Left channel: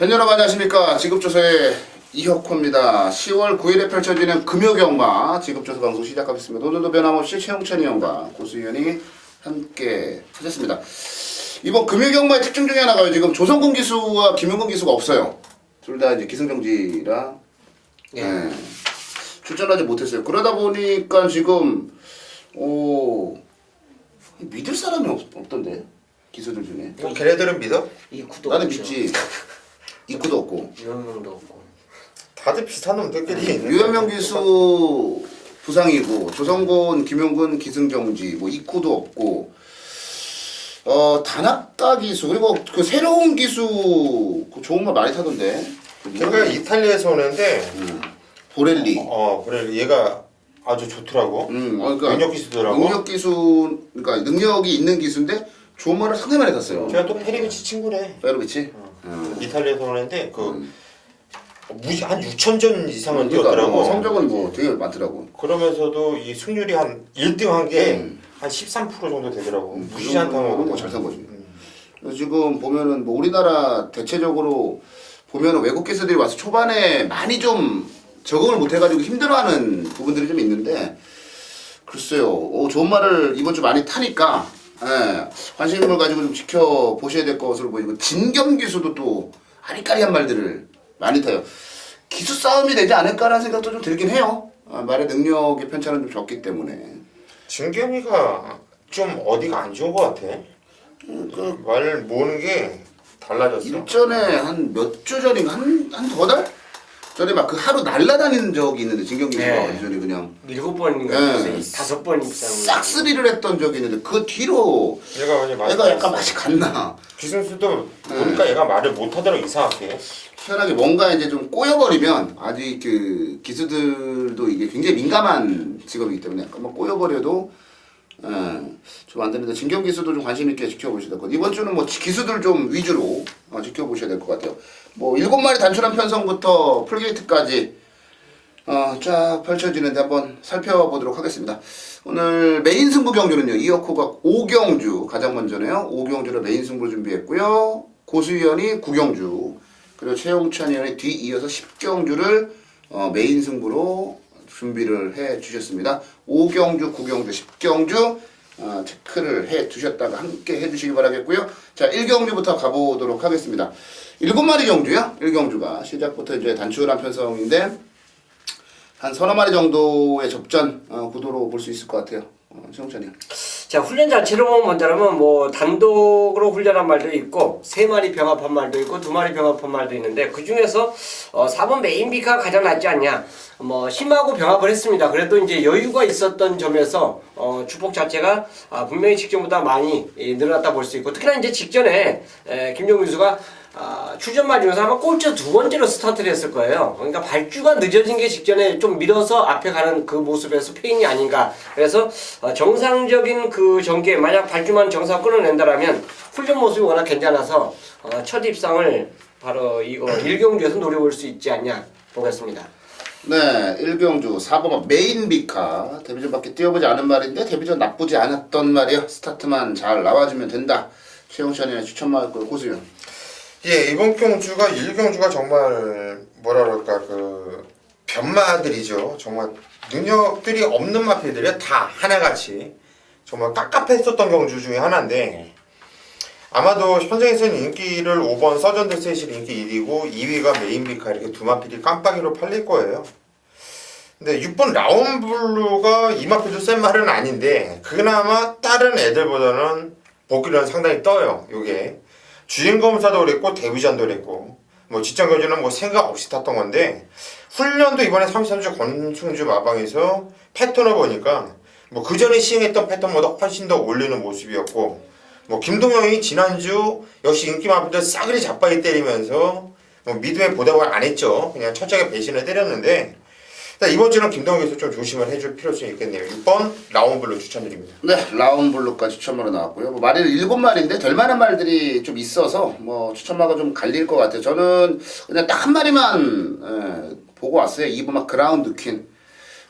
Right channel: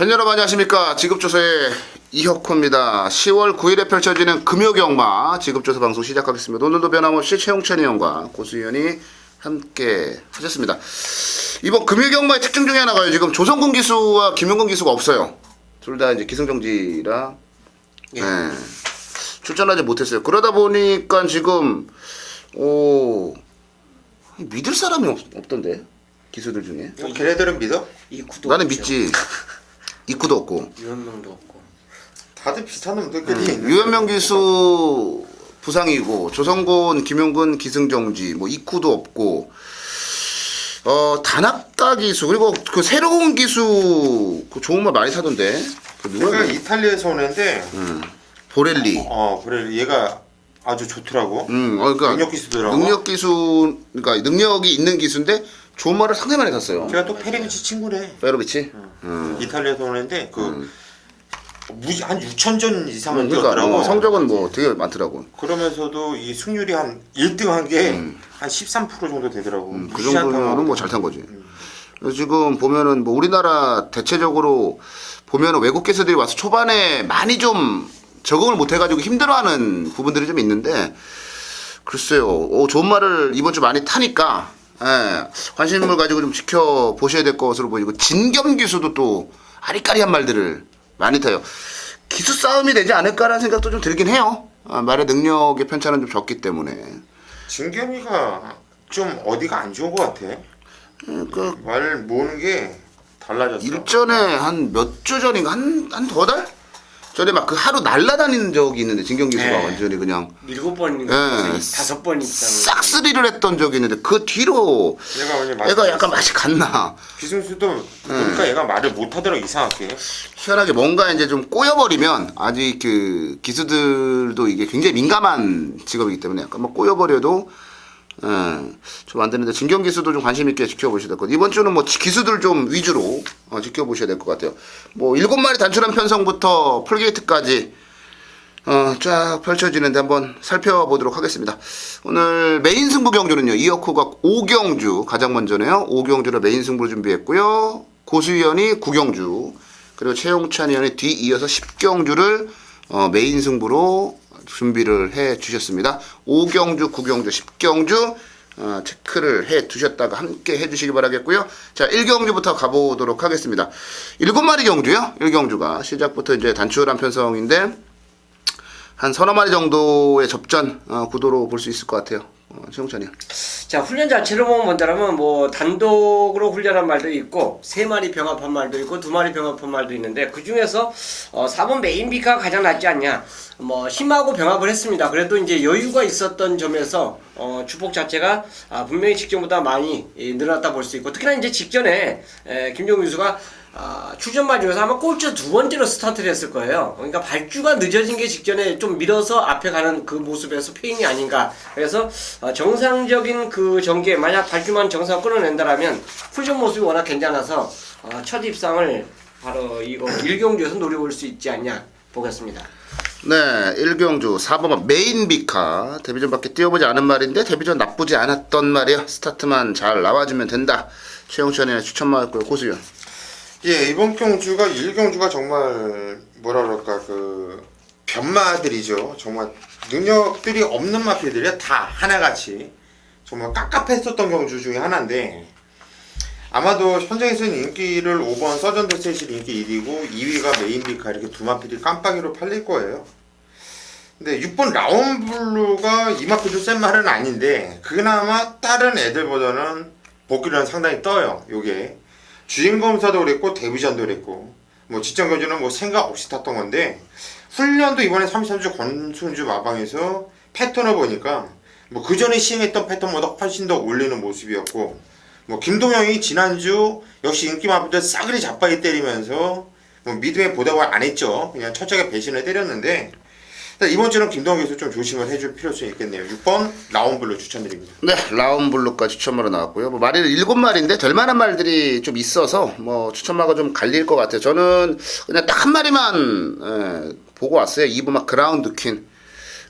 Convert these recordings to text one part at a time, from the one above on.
팬 여러분 안녕하십니까. 지급조서의 이혁호입니다. 10월 9일에 펼쳐지는 금요경마 지급조서 방송 시작하겠습니다. 오늘도 변함없이 최용찬이 형과 고수현이 함께 하셨습니다. 이번 금요경마의 특징 중에 하나가 지금 조성근 기수와 김용근 기수가 없어요. 둘 다 이제 기승정지라 출전하지 못했어요. 그러다 보니까 지금 믿을 사람이 없던데 기수들 중에. 걔네들은 믿어? 나는 믿지. 이쿠도 없고. 유현명도 없고. 다들 비슷한 놈들끼리 있는 유현명 기수 부상이고 조성곤, 김용근 기승정지, 뭐 이쿠도 없고. 다나카 기수 그리고 그 새로운 기수 그 좋은 말 많이 사던데. 얘가 이탈리아에서 오는데 보렐리. 그래 얘가 아주 좋더라고. 그러니까 능력 기수더라고. 능력 기수 그러니까 능력이 있는 기수인데 좋은 말을 상당히 많이 샀어요. 걔가 또 페리비치 친구래. 페로비치. 이탈리아에서 오는데 무지 한 6,000전 이상은 그러니까 뛰었더라고. 뭐 성적은 뭐 되게 많더라고. 그러면서도 이 승률이 한 1등 한 게 한 13% 정도 되더라고. 그 무시한 정도는 뭐 잘 탄 거지. 지금 보면은 뭐 우리나라 대체적으로 보면은 외국 기수들이 와서 초반에 많이 좀 적응을 못 해가지고 힘들어하는 부분들이 좀 있는데 글쎄요. 좋은 말을 이번 주 많이 타니까 관심을 가지고 좀 지켜보셔야 될 것으로 보이고 진겸 기수도 또 아리까리한 말들을 많이 타요. 기수 싸움이 되지 않을까라는 생각도 좀 들긴 해요. 말의 능력의 편차는 좀 적기 때문에. 진겸이가 좀 어디가 안 좋은 것 같아. 말 모으는 게 달라졌어. 일전에 한 몇 주 전인가 한 더 달 전에 막 그 하루 날라다니는 적이 있는데 진경 기수가 네. 완전히 그냥 7번인가 네. 5번 있잖아. 싹쓸이를 했던 적이 있는데 그 뒤로 얘가 완전 맛이 얘가 약간 맛이 갔나. 기승수도 보니까 얘가 말을 못하더라고 이상하게. 희한하게 뭔가 이제 좀 꼬여버리면 아직 그 기수들도 이게 굉장히 민감한 직업이기 때문에 약간 막 꼬여버려도 좀 안 되는데 진경 기수도 좀 관심 있게 지켜보셔야 될 것 같아요. 이번 주는 뭐 기수들 좀 위주로 지켜보셔야 될 것 같아요. 뭐 7마리 단출한 편성부터 풀게이트까지 쫙 펼쳐지는데 한번 살펴보도록 하겠습니다. 오늘 메인 승부 경주는요. 이혁호가 5경주 가장 먼저네요. 5경주로 메인 승부를 준비했고요. 고수위원이 9경주 그리고 최용찬 위원이 뒤이어서 10경주를 메인 승부로 준비를 해 주셨습니다. 5경주, 9경주, 10경주 체크를 해 두셨다가 함께 해 주시기 바라겠고요. 자, 1경주부터 가보도록 하겠습니다. 7마리 경주요. 1경주가 시작부터 이제 단출한 편성인데 한 서너 마리 정도의 접전 구도로 볼 수 있을 것 같아요. 최용찬이요. 자, 훈련 자체로 보면 뭐냐면 뭐 단독으로 훈련한 말도 있고 3마리 병합한 말도 있고 2마리 병합한 말도 있는데 그 중에서 4번 메인 비카가 가장 낫지 않냐. 뭐 힘하고 병합을 했습니다. 그래도 이제 여유가 있었던 점에서 주폭 자체가 분명히 직전보다 많이 늘어났다 볼 수 있고 특히나 이제 직전에 김종규 선수가 출전마 중에서 아마 꼴찌 2번째로 스타트를 했을 거예요. 그러니까 발주가 늦어진 게 직전에 좀 밀어서 앞에 가는 그 모습에서 페인이 아닌가. 그래서 정상적인 그 전개 만약 발주만 정상 끌어낸다라면 훈련 모습이 워낙 괜찮아서 첫 입상을 바로 이거 1경주에서 노려볼 수 있지 않냐 보겠습니다. 네, 1경주 4번 메인 비카 데뷔전밖에 뛰어보지 않은 말인데 데뷔전 나쁘지 않았던 말이에요. 스타트만 잘 나와주면 된다. 최용찬이나 추천받을 고수연. 예, 이번 경주가 1경주가 정말 뭐라 그럴까 변마들이죠. 정말 능력들이 없는 마필들이 다 하나같이 정말 깝깝했었던 경주 중에 하나인데 아마도 현장에서는 인기를 5번 서전드 세실 인기 1위고 2위가 메인비카 이렇게 두 마필이 깜빡이로 팔릴 거예요. 근데 6번 라운블루가 이 마필도 센 말은 아닌데 그나마 다른 애들보다는 복귀는 상당히 떠요. 요게 주행검사도 그랬고 데뷔전도 그랬고 뭐 직전교주는 뭐 생각 없이 탔던 건데 훈련도 이번에 33주 권순주 마방에서 패턴을 보니까 뭐 그전에 시행했던 패턴보다 훨씬 더 올리는 모습이었고 뭐 김동영이 지난주 역시 인기 마필들 싸그리 자빠이 때리면서 뭐 미드에 보답을 안 했죠. 그냥 철저하게 배신을 때렸는데 이번 주는 김동영 선수 좀 조심을 해줄 필요성이 있겠네요. 6번 라운블루 추천드립니다. 네, 라운블루까지 추천마로 나왔고요. 뭐 말이 7마리인데 될 만한 말들이 좀 있어서 뭐 추천마가 좀 갈릴 것 같아요. 저는 그냥 딱 한 마리만 보고 왔어요. 2번 막 그라운드 퀸.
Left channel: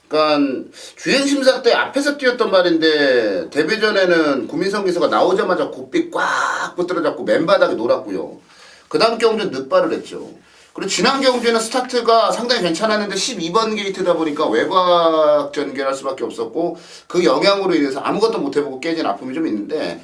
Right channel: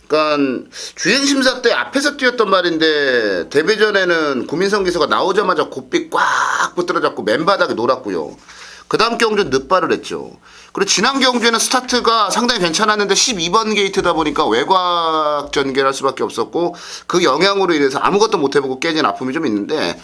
그러니까 주행심사 때 앞에서 뛰었던 말인데 데뷔전에는 구민성 기수가 나오자마자 곱비 꽉 붙들어 잡고 맨바닥에 놀았고요. 그 다음 경주는 늦발을 했죠. 그리고 지난 경주에는 스타트가 상당히 괜찮았는데 12번 게이트다 보니까 외곽 전개를 할 수밖에 없었고 그 영향으로 인해서 아무것도 못 해보고 깨진 아픔이 좀 있는데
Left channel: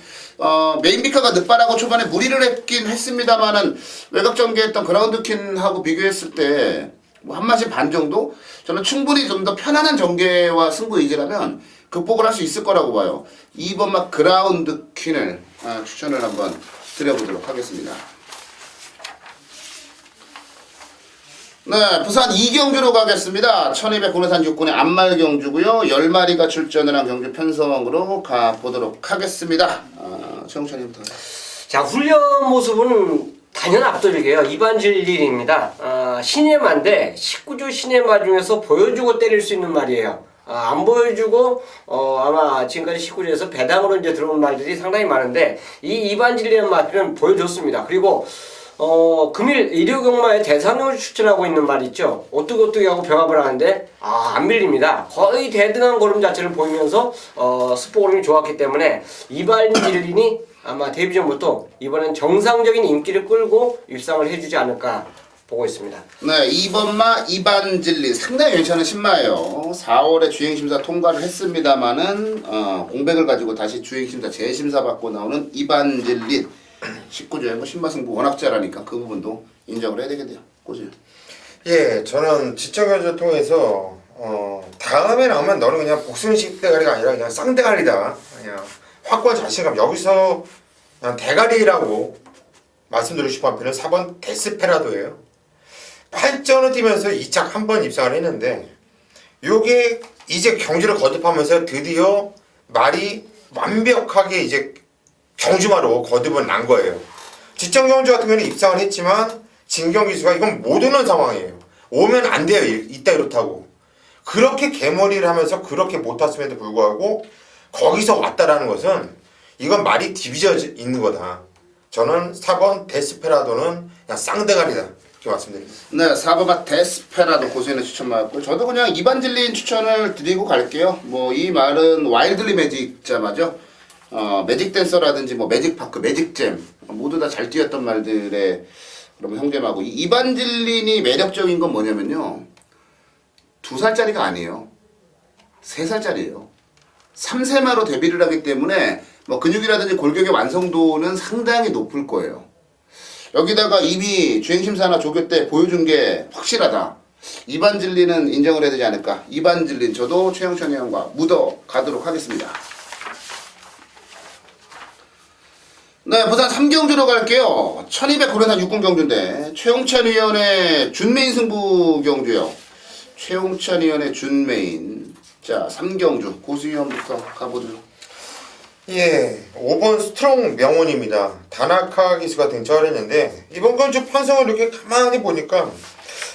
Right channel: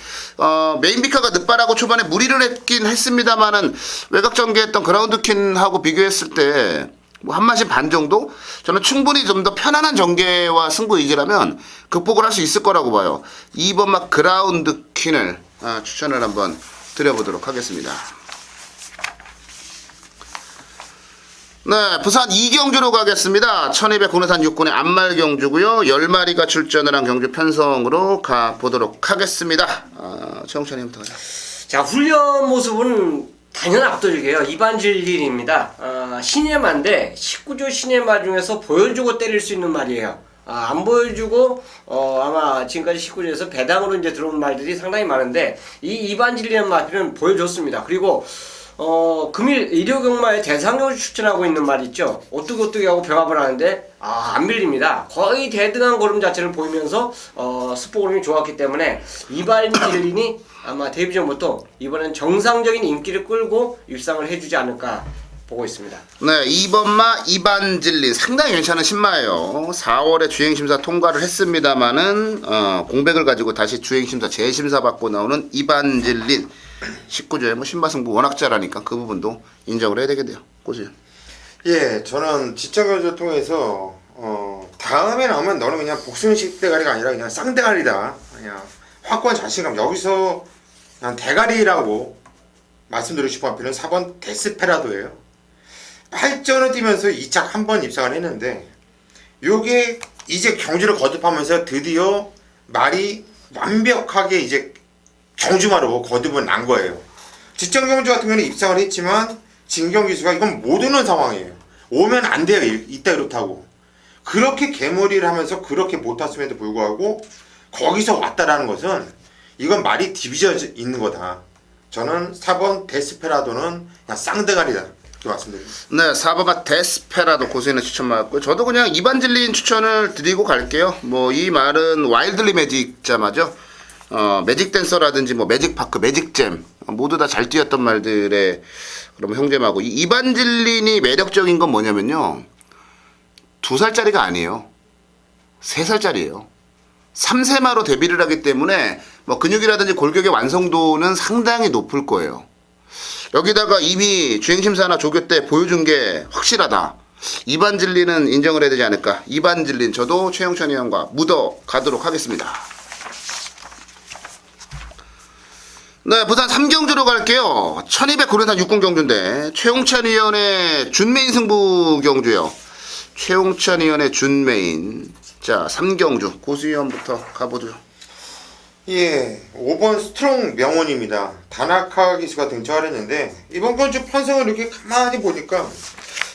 메인비카가 늦발하고 초반에 무리를 했긴 했습니다만은 외곽 전개했던 그라운드킨하고 비교했을 때 뭐 한 마신 반 정도? 저는 충분히 좀 더 편안한 전개와 승부 의지라면 극복을 할 수 있을 거라고 봐요. 2번 막 그라운드킨을 추천을 한번 드려보도록 하겠습니다. 네, 부산 2경주로 가겠습니다. 1200 고내산 6군의 앞말 경주고요. 10마리가 출전을 한 경주 편성으로 가보도록 하겠습니다. 최홍찬님부터 가자. 자, 훈련 모습은 단연 압도적이에요. 이반질릴입니다. 시내마인데 19조 시내마 중에서 보여주고 때릴 수 있는 말이에요. 안 보여주고 아마 지금까지 19조에서 배당으로 이제 들어온 말들이 상당히 많은데 이 이반질리는 말은 보여줬습니다. 그리고 금일 일요경마에 대상경주 추천하고 있는 말 있죠. 오뚜기 하고 병합을 하는데 안 밀립니다. 거의 대등한 걸음 자체를 보이면서 스포 걸음이 좋았기 때문에 이반질린이 아마 데뷔 전부터 이번엔 정상적인 인기를 끌고 입상을 해주지 않을까 보고 있습니다. 네, 2번마 이반질린 상당히 괜찮은 신마예요. 4월에 주행심사 통과를 했습니다만은 공백을 가지고 다시 주행심사 재심사 받고 나오는 이반질린 19조에 뭐 신마승부 워낙 잘하니까 그 부분도 인정을 해야 되겠네요. 고지. 예, 저는 지적을 통해서 다음에 나오면 너는 그냥 복순식 대가리가 아니라 그냥 쌍대가리다. 그냥 확고한 자신감. 여기서 그냥 대가리라고 말씀드리고 싶은 한편은 4번 데스페라도예요. 8전을 뛰면서 2착 한 번 입상을 했는데 요게 이제 경주를 거듭하면서 드디어 말이 완벽하게 이제 경주마로 거듭은 난 거예요. 지정 경주 같은 경우는 입상을 했지만 진경 기수가 이건 못 오는 상황이에요. 오면 안 돼요. 이따 이렇다고. 그렇게 개머리를 하면서 그렇게 못 탔음에도 불구하고 거기서 왔다라는 것은 이건 말이 디비져 있는 거다. 저는 4번 데스페라도는 그냥 쌍대가리다. 이렇게 말씀드립니다. 네, 4번가 데스페라도 고수인의 추천 맞았고요. 저도 그냥 이반질린 추천을 드리고 갈게요. 뭐 이 말은 와일드리 매직 자마죠. 매직 댄서라든지 뭐 매직 파크, 매직잼 모두 다 잘 뛰었던 말들의 그럼 형제마고 이 이반질린이 매력적인 건 뭐냐면요. 2살짜리가 아니에요. 3살짜리예요. 3세마로 데뷔를 하기 때문에 뭐 근육이라든지 골격의 완성도는 상당히 높을 거예요. 여기다가 이미 주행심사나 조교 때 보여준 게 확실하다. 이반질린은 인정을 해야 되지 않을까. 이반질린 저도 최영찬 의원과 묻어 가도록 하겠습니다. 네, 부산 3경주로 갈게요. 1200 고려산 6군 경주인데 최홍찬 의원의 준메인 승부 경주요. 최홍찬 의원의 준메인. 자, 3경주 고수 의원부터 가보죠. 예, 5번 스트롱 명운입니다. 다나카 기수가 등장을 했는데 이번 경주 편성을 이렇게 가만히 보니까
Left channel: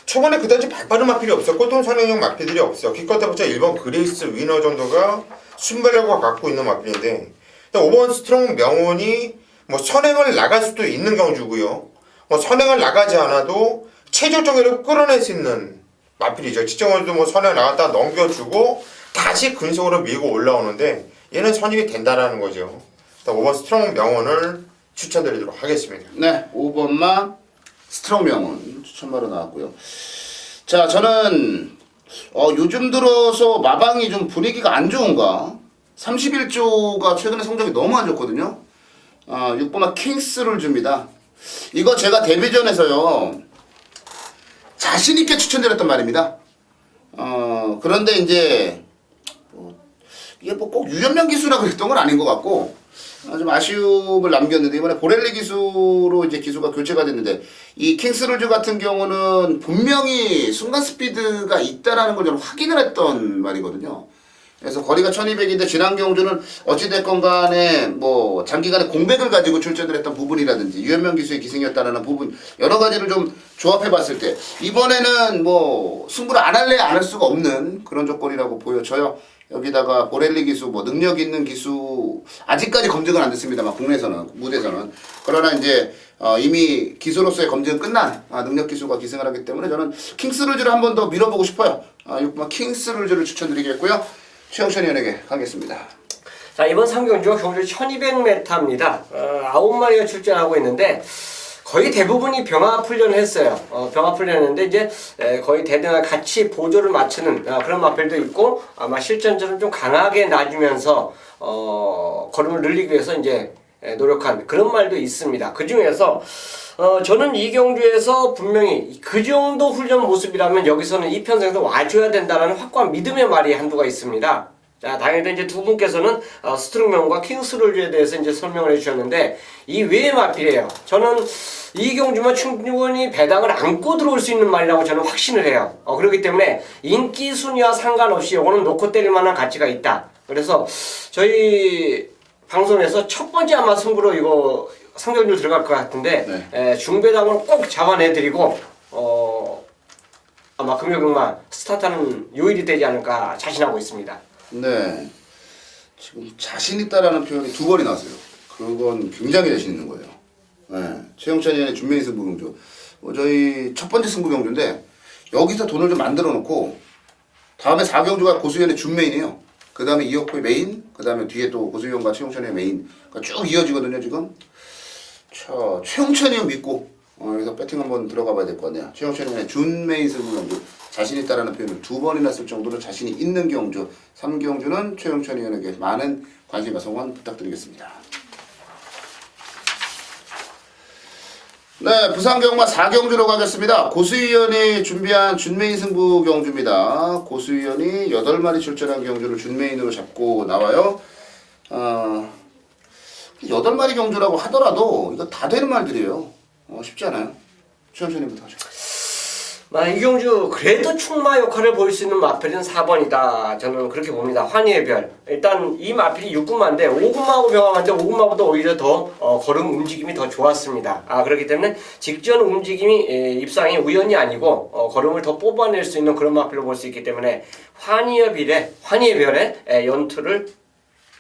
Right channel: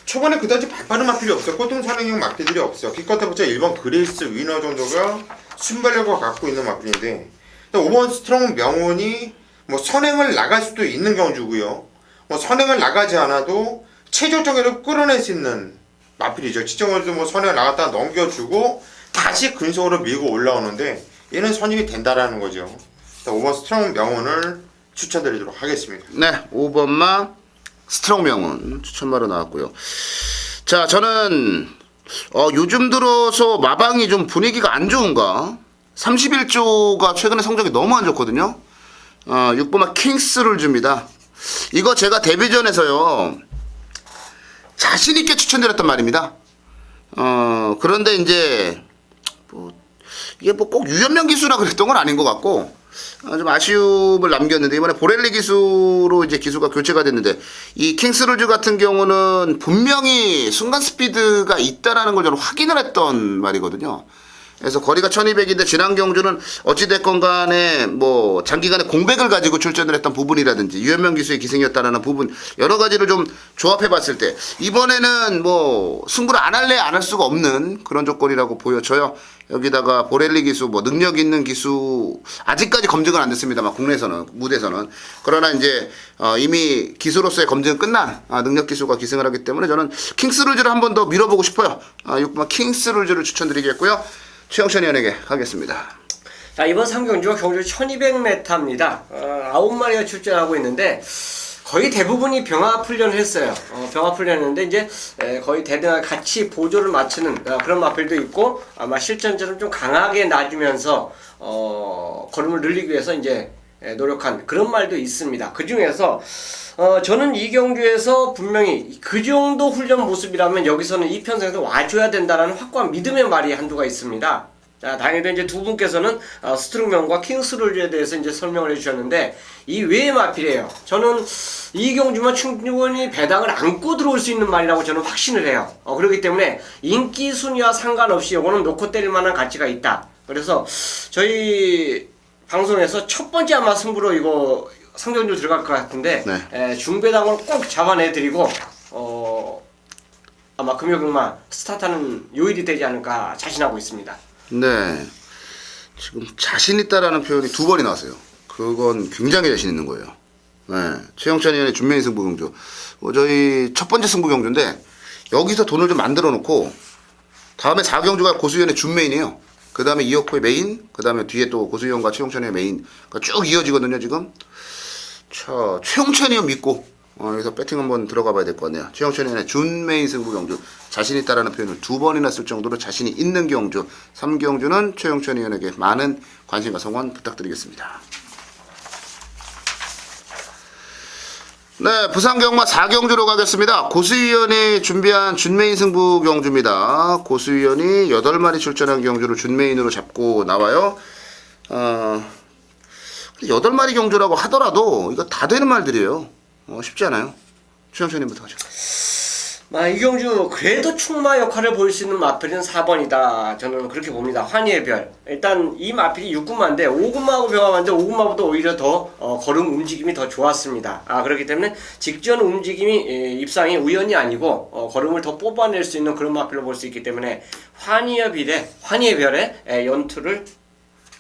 초반에 그다지 발빠른 마필이 없었고 또 선행형 마필들이 없어요. 기껏 해봤자 1번 그레이스 위너 정도가 순발력을 갖고 있는 마필인데 5번 스트롱 명운이 뭐 선행을 나갈 수도 있는 경주고요. 뭐 선행을 나가지 않아도 체중 정의를 끌어낼 수 있는 마필이죠. 지정원도 뭐 선행을 나갔다가 넘겨주고 다시 근속으로 밀고 올라오는데 얘는 선임이 된다라는 거죠. 5번 스트롱 명언을 추천드리도록 하겠습니다. 네, 5번마 스트롱 명언 추천바로 나왔고요. 자, 저는 요즘 들어서 마방이 좀 분위기가 안 좋은가? 31조가 최근에 성적이 너무 안 좋거든요. 6번마 킹스를 줍니다. 이거 제가 데뷔전에서요 자신있게 추천드렸단 말입니다. 그런데 이제 이게 뭐 꼭 유연명 기수라 그랬던 건 아닌 것 같고 좀 아쉬움을 남겼는데 이번에 보렐리 기수로 이제 기수가 교체가 됐는데 이 킹스루즈 같은 경우는 분명히 순간 스피드가 있다라는 걸 저는 확인을 했던 말이거든요. 그래서 거리가 1200인데 지난 경주는 어찌됐건 간에 뭐 장기간에 공백을 가지고 출전을 했던 부분이라든지 유현명 기수의 기승이었다라는 부분 여러 가지를 좀 조합해 봤을 때 이번에는 뭐 승부를 안 할래 안 할 수가 없는 그런 조건이라고 보여져요. 여기다가 보렐리 기수 뭐 능력 있는 기수 아직까지 검증은 안 됐습니다만 국내에서는 무대에서는 그러나 이제 이미 기수로서의 검증은 끝난 능력 기수가 기승을 하기 때문에 저는 킹스룰즈를 한 번 더 밀어보고 싶어요. 6번 킹스룰즈를 추천드리겠고요. 최영찬 의원에게 가겠습니다. 자, 이번 3경주 경주 1200m입니다. 9마리가 출전하고 있는데 거의 대부분이 병합 훈련을 했어요. 병합 훈련했는데 이제 거의 대등하게 같이 보조를 맞추는 그런 마필도 있고 아마 실전처럼 좀 강하게 놔주면서 걸음을 늘리기 위해서 이제 노력한 그런 말도 있습니다. 그 중에서 저는 이경주에서 분명히 그 정도 훈련 모습이라면 여기서는 이편성에서 와줘야 된다라는 확고한 믿음의 말이 한두가 있습니다. 자, 당연히 이제 두 분께서는 스트롱맨과 킹스룰즈에 대해서 이제 설명을 해주셨는데 이 외의 마필이에요. 저는 이경주만 충분히 배당을 안고 들어올 수 있는 말이라고 저는 확신을 해요. 그렇기 때문에 인기 순위와 상관없이 이거는 놓고 때릴 만한 가치가 있다. 그래서 저희 방송에서 첫 번째 아마 승부로 이거 상경주 들어갈 것 같은데 중배당을 꼭 잡아내드리고 아마 금요일만 스타트하는 요일이 되지 않을까 자신하고 있습니다. 네. 지금 자신 있다라는 표현이 두 번이 나왔어요. 그건 굉장히 자신 있는 거예요. 네. 최영찬 의원의 준매인 승부 경주. 저희 첫 번째 승부 경주인데 여기서 돈을 좀 만들어 놓고 다음에 4경주가 고수위원의 준메인이에요. 그 다음에 이혁호의 메인, 그 다음에 뒤에 또 고수위원과 최용찬의 메인. 그러니까 쭉 이어지거든요, 지금. 자, 최용찬이 형 믿고 여기서 배팅 한번 들어가 봐야 될 것 같네요. 최영찬 의원의 준메인 승부 경주. 자신 있다라는 표현을 두 번이나 쓸 정도로 자신이 있는 경주. 3경주는 최용찬 의원에게 많은 관심과 성원 부탁드리겠습니다. 네, 부산 경마 4경주로 가겠습니다. 고수위원이 준비한 준메인 승부 경주입니다. 고수위원이 8마리 출전한 경주를 준메인으로 잡고 나와요. 8마리 경주라고 하더라도 이거 다 되는 말들이에요. 쉽지 않아요. 최영찬님부터 하죠. 이경주 그래도 충마 역할을 보일 수 있는 마필은 4번이다. 저는 그렇게 봅니다. 환희의 별. 일단 이 마필이 6군마인데 5군마하고 병합하는데 5군마보다 오히려 더 걸음 움직임이 더 좋았습니다. 그렇기 때문에 직전 움직임이 입상이 우연이 아니고 걸음을 더 뽑아낼 수 있는 그런 마필로 볼 수 있기 때문에 환희의 별의 연투를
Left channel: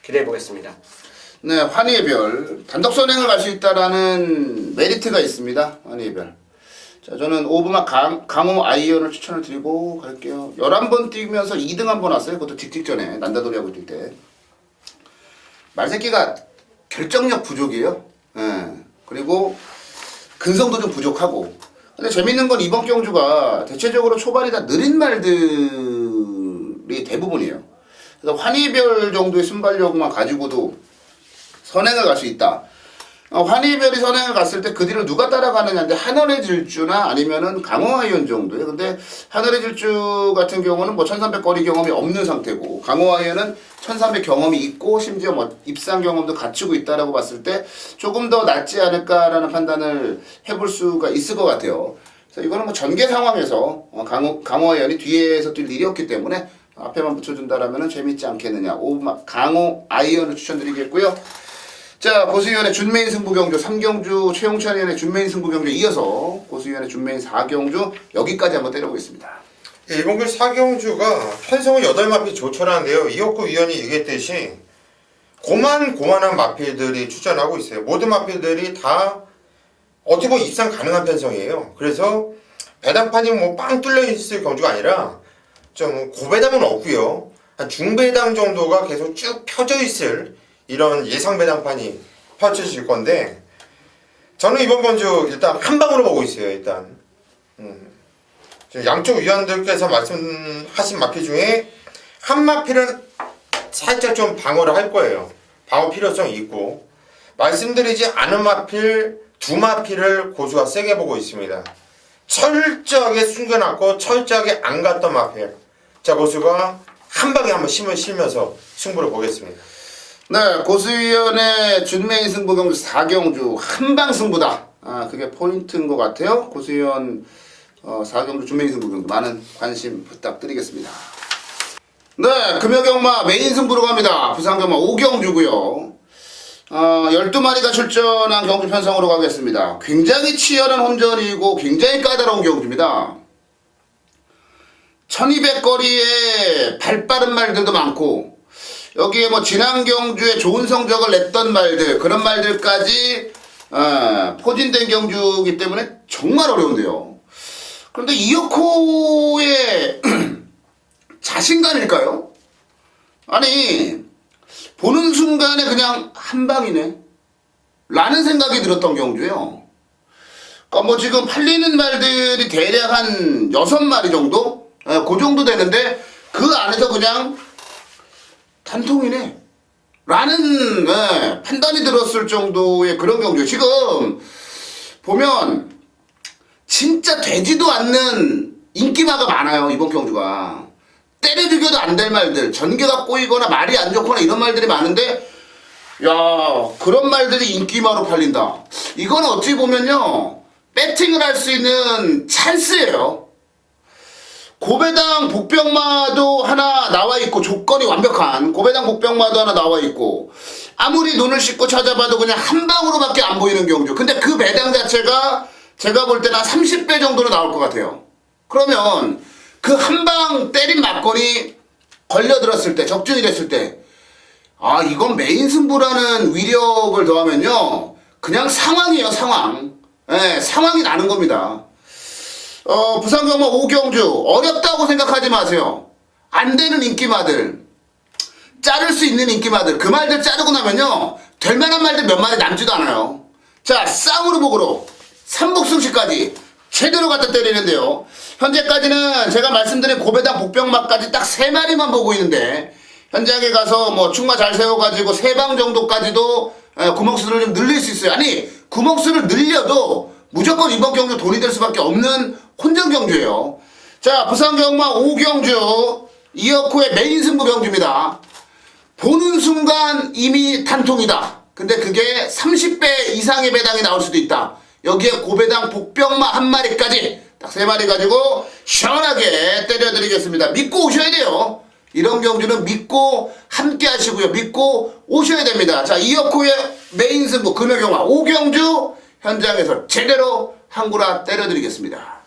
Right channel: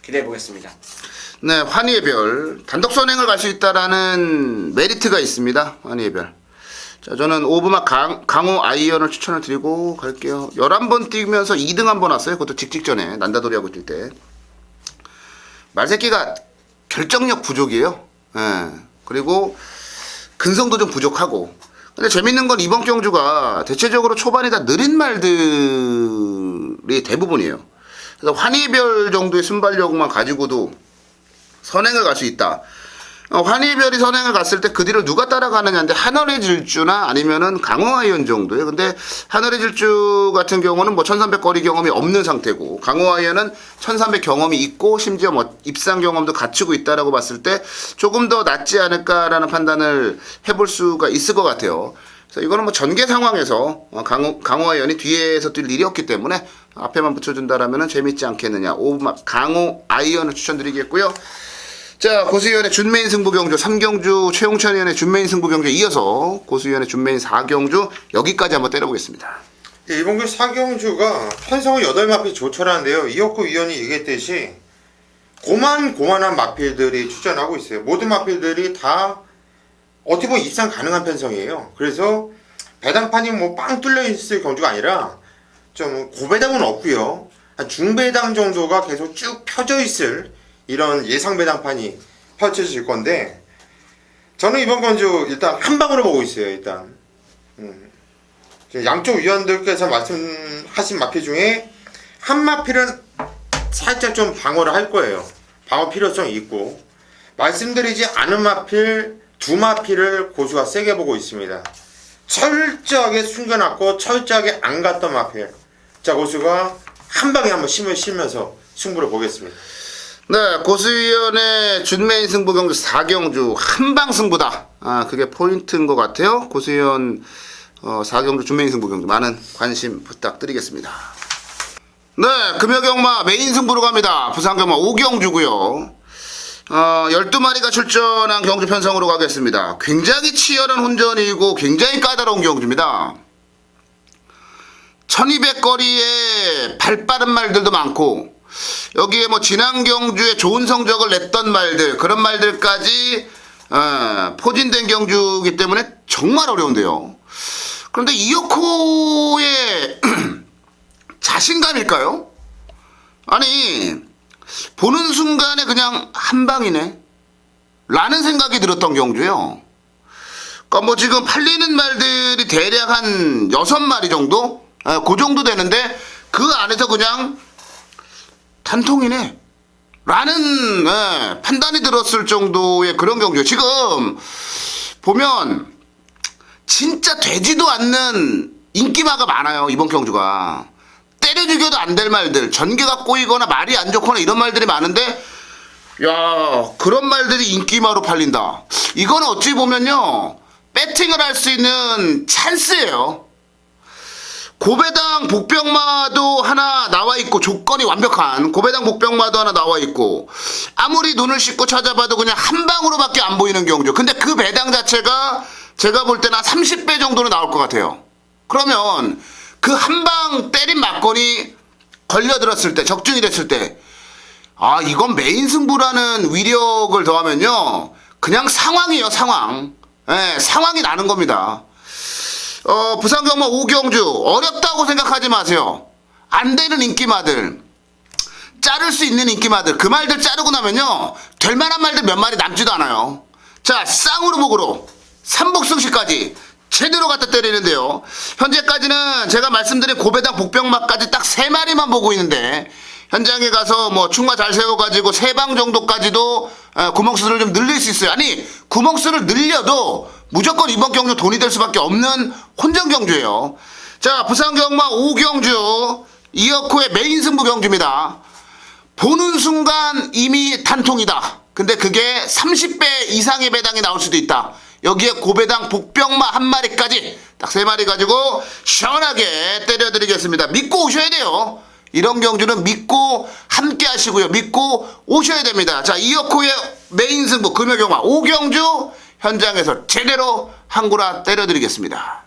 기대해 보겠습니다. 네, 환희의 별. 단독 선행을 갈 수 있다라는 메리트가 있습니다. 환희의 별. 자, 저는 오브마 강호 아이언을 추천을 드리고 갈게요. 11번 뛰면서 2등 한 번 왔어요. 그것도 직전에 난다돌이하고 뛸 때. 말새끼가 결정력 부족이에요. 예. 그리고 근성도 좀 부족하고. 근데 재밌는 건 이번 경주가 대체적으로 초반에 다 느린 말들이 대부분이에요. 그래서 환희별 정도의 순발력만 가지고도 선행을 갈 수 있다. 환희별이 선행을 갔을 때 그 뒤를 누가 따라가느냐인데 하늘의 질주나 아니면은 강호아이언 정도예요. 근데 하늘의 질주 같은 경우는 뭐 1300 거리 경험이 없는 상태고 강호아이언은 1300 경험이 있고 심지어 뭐 입상 경험도 갖추고 있다라고 봤을 때 조금 더 낫지 않을까라는 판단을 해볼 수가 있을 것 같아요. 그래서 이거는 뭐 전개 상황에서 강호아이언이 뒤에서 뛸 일이 없기 때문에 앞에만 붙여준다라면은 재밌지 않겠느냐. 강호아이언을 추천드리겠고요. 자, 고수위원의 준메인 승부 경주 3경주, 최용찬 의원의 준메인 승부 경주 이어서 고수위원의 준메인 4경주 여기까지 한번 때려보겠습니다. 예, 이번 그 4경주가 편성은 8마필 조철하는데요. 이혁구 위원이 얘기했듯이 고만한 마필들이 출전하고 있어요. 모든 마필들이 다 어떻게 보면 입상 가능한 편성이에요. 그래서 배당판이 뭐 빵 뚫려 있을 경주가 아니라 좀 고배당은 없고요. 한 중배당 정도가 계속 쭉 펴져 있을 이런 예상 배당판이 펼쳐질 건데 저는 이번 경주 일단 한 방으로 보고 있어요. 일단 양쪽 위원들께서 말씀하신 마필 중에 한 마필은 살짝 좀 방어를 할 거예요. 방어 필요성이 있고 말씀드리지 않은 마필 두 마필을 고수가 세게 보고 있습니다. 철저하게 숨겨놨고 철저하게 안 갔던 마필. 자, 고수가 한 방에 한번 힘을 실면서 승부를 보겠습니다. 네, 고수위원의 준메인 승부 경주 4경주 한방 승부다. 그게 포인트인 것 같아요. 고수위원 4경주 준메인 승부 경주 많은 관심 부탁드리겠습니다. 네, 금요경마 메인 승부로 갑니다. 부산경마 5경주고요. 12마리가 출전한 경주 편성으로 가겠습니다. 굉장히 치열한 혼전이고 굉장히 까다로운 경주입니다. 1200거리에 발빠른 말들도 많고 여기에 뭐 지난 경주에 좋은 성적을 냈던 말들 그런 말들까지 포진된 경주이기 때문에 정말 어려운데요. 그런데 이혁호의 자신감일까요? 아니 보는 순간에 그냥 한 방이네 라는 생각이 들었던 경주예요. 그러니까 뭐 지금 팔리는 말들이 대략 한 6마리 정도? 그 정도 되는데 그 안에서 그냥 단통이네 라는 판단이 들었을 정도의 그런 경주. 지금 보면 진짜 되지도 않는 인기마가 많아요. 이번 경주가 때려 죽여도 안 될 말들, 전개가 꼬이거나 말이 안 좋거나 이런 말들이 많은데 야, 그런 말들이 인기마로 팔린다. 이건 어찌 보면요, 배팅을 할 수 있는 찬스예요. 고배당 복병마도 하나 나와 있고, 조건이 완벽한 고배당 복병마도 하나 나와 있고, 아무리 눈을 씻고 찾아봐도 그냥 한 방으로밖에 안 보이는 경주. 근데 그 배당 자체가 제가 볼 때는 한 30배 정도는 나올 것 같아요. 그러면 그 한 방 때린 막건이 걸려들었을 때, 적중이 됐을 때, 아, 이건 메인 승부라는 위력을 더하면요, 그냥 상황이에요, 상황. 상황이 나는 겁니다. 부산 경마 5경주 어렵다고 생각하지 마세요. 안 되는 인기마들, 자를 수 있는 인기마들, 그 말들 자르고 나면요, 될 만한 말들 몇 마리 남지도 않아요. 자, 쌍으로 목으로 삼복승시까지 제대로 갖다 때리는데요. 현재까지는 제가 말씀드린 고배당 복병마까지 딱 3마리만 보고 있는데, 현장에 가서 뭐 충마 잘 세워가지고 3방 정도까지도 구멍수를 좀 늘릴 수 있어요. 아니, 구멍수를 늘려도 무조건 이번 경주 돈이 될 수밖에 없는 혼전 경주예요. 자, 부산 경마 5경주 이어코의 메인 승부 경주입니다. 보는 순간 이미 단통이다. 근데 그게 30배 이상의 배당이 나올 수도 있다. 여기에 고배당 복병마 한 마리까지 딱 3마리 가지고 시원하게 때려드리겠습니다. 믿고 오셔야 돼요. 이런 경주는 믿고 함께 하시고요. 믿고 오셔야 됩니다. 자, 이어코의 메인 승부 금요경마 5경주 현장에서 제대로 한구라 때려드리겠습니다.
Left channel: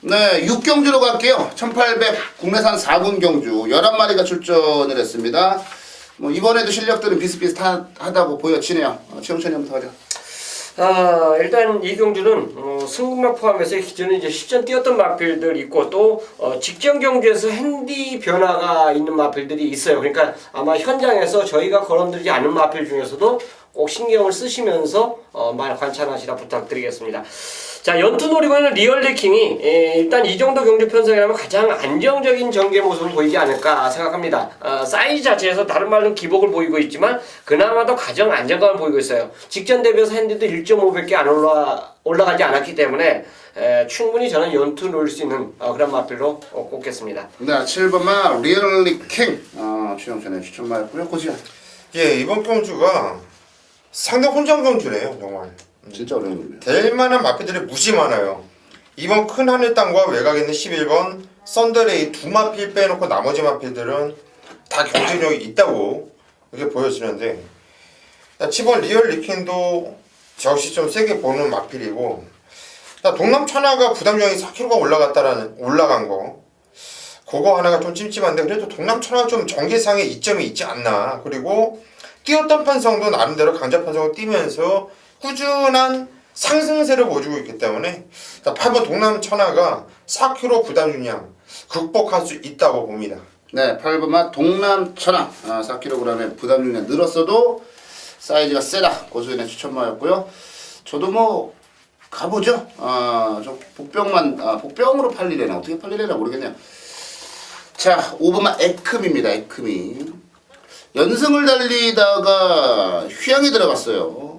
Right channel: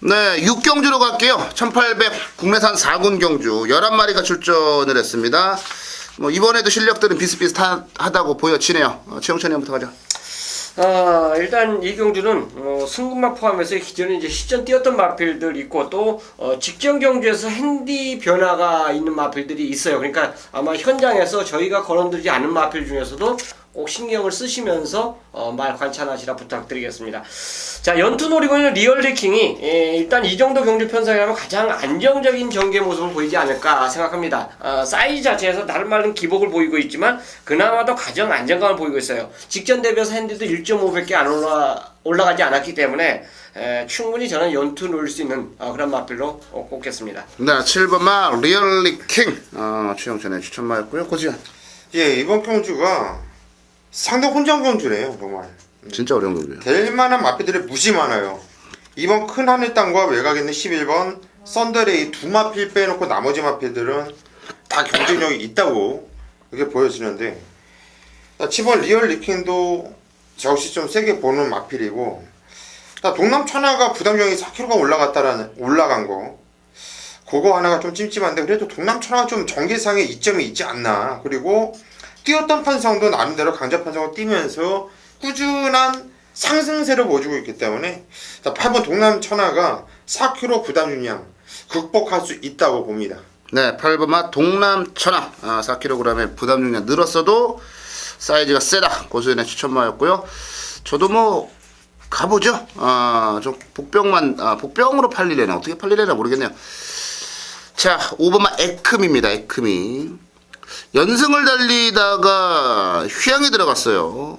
네, 6경주로 갈게요. 1800 국내산 4군 경주 11마리가 출전을 했습니다. 뭐 이번에도 실력들은 비슷비슷하다고 보여지네요. 최영찬님부터 가죠. 일단 이 경주는 승급만 포함해서 기존에 이제 시전 뛰었던 마필들 있고 또 직전 경주에서 핸디 변화가 있는 마필들이 있어요. 그러니까 아마 현장에서 저희가 거론드리지 않은 마필 중에서도 꼭 신경을 쓰시면서 말 관찰하시라 부탁드리겠습니다. 자, 연투 놀이공원 리얼리킹이 일단 이 정도 경주 편성이라면 가장 안정적인 전개 모습을 보이지 않을까 생각합니다. 사이즈 자체에서 다른 말은 기복을 보이고 있지만 그나마도 가장 안정감을 보이고 있어요. 직전 대비해서 핸디도 1.5배밖에 안 올라가지 않았기 때문에 충분히 저는 연투 놓을 수 있는 그런 마필로 꼽겠습니다. 네, 7번마 리얼리킹 최영찬의 추천마였고요. 고지현. 예, 이번 경주가 상당 혼전 경주래요, 정말. 진짜 어려운 경주예요. 될만한 마필들이 무지 많아요. 이번 큰 하늘 땅과 외곽에 있는 11번 썬더레이 2마필 빼놓고 나머지 마필들은 다 경쟁력이 있다고 그렇게 보여지는데, 7번 리얼 리킨도 역시 좀 세게 보는 마필이고, 동남 천하가 부담력이 4kg가 올라간 거, 그거 하나가 좀 찜찜한데, 그래도 동남 천하 좀 전개상의 이점이 있지 않나. 그리고 뛰었던 편성도 나름대로 강자 편성을 뛰면서 꾸준한 상승세를 보여주고 있기 때문에 8번 동남 천하가 4kg 부담 중량 극복할 수 있다고 봅니다. 네, 8번마 동남 천하 4kg의 부담 중량 늘었어도 사이즈가 세다. 고수연의 추천마였고요. 저도 뭐 가보죠. 저 복병으로 팔리려나 어떻게 팔리려나 모르겠네요. 자, 5번마 에크미입니다. 에크미 연승을 달리다가 휴양에 들어갔어요.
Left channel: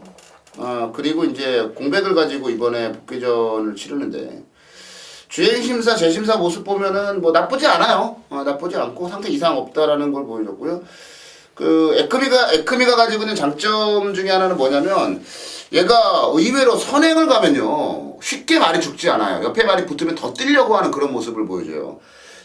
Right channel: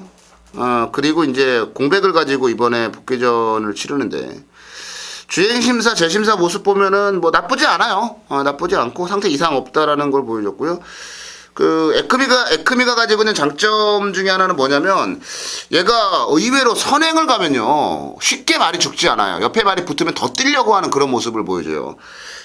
그리고 이제 공백을 가지고 이번에 복귀전을 치르는데 주행심사, 재심사 모습 보면은 뭐 나쁘지 않아요. 나쁘지 않고 상태 이상 없다라는 걸 보여줬고요. 그 에크미가 가지고 있는 장점 중에 하나는 뭐냐면 얘가 의외로 선행을 가면요 쉽게 말이 죽지 않아요. 옆에 말이 붙으면 더 뛰려고 하는 그런 모습을 보여줘요.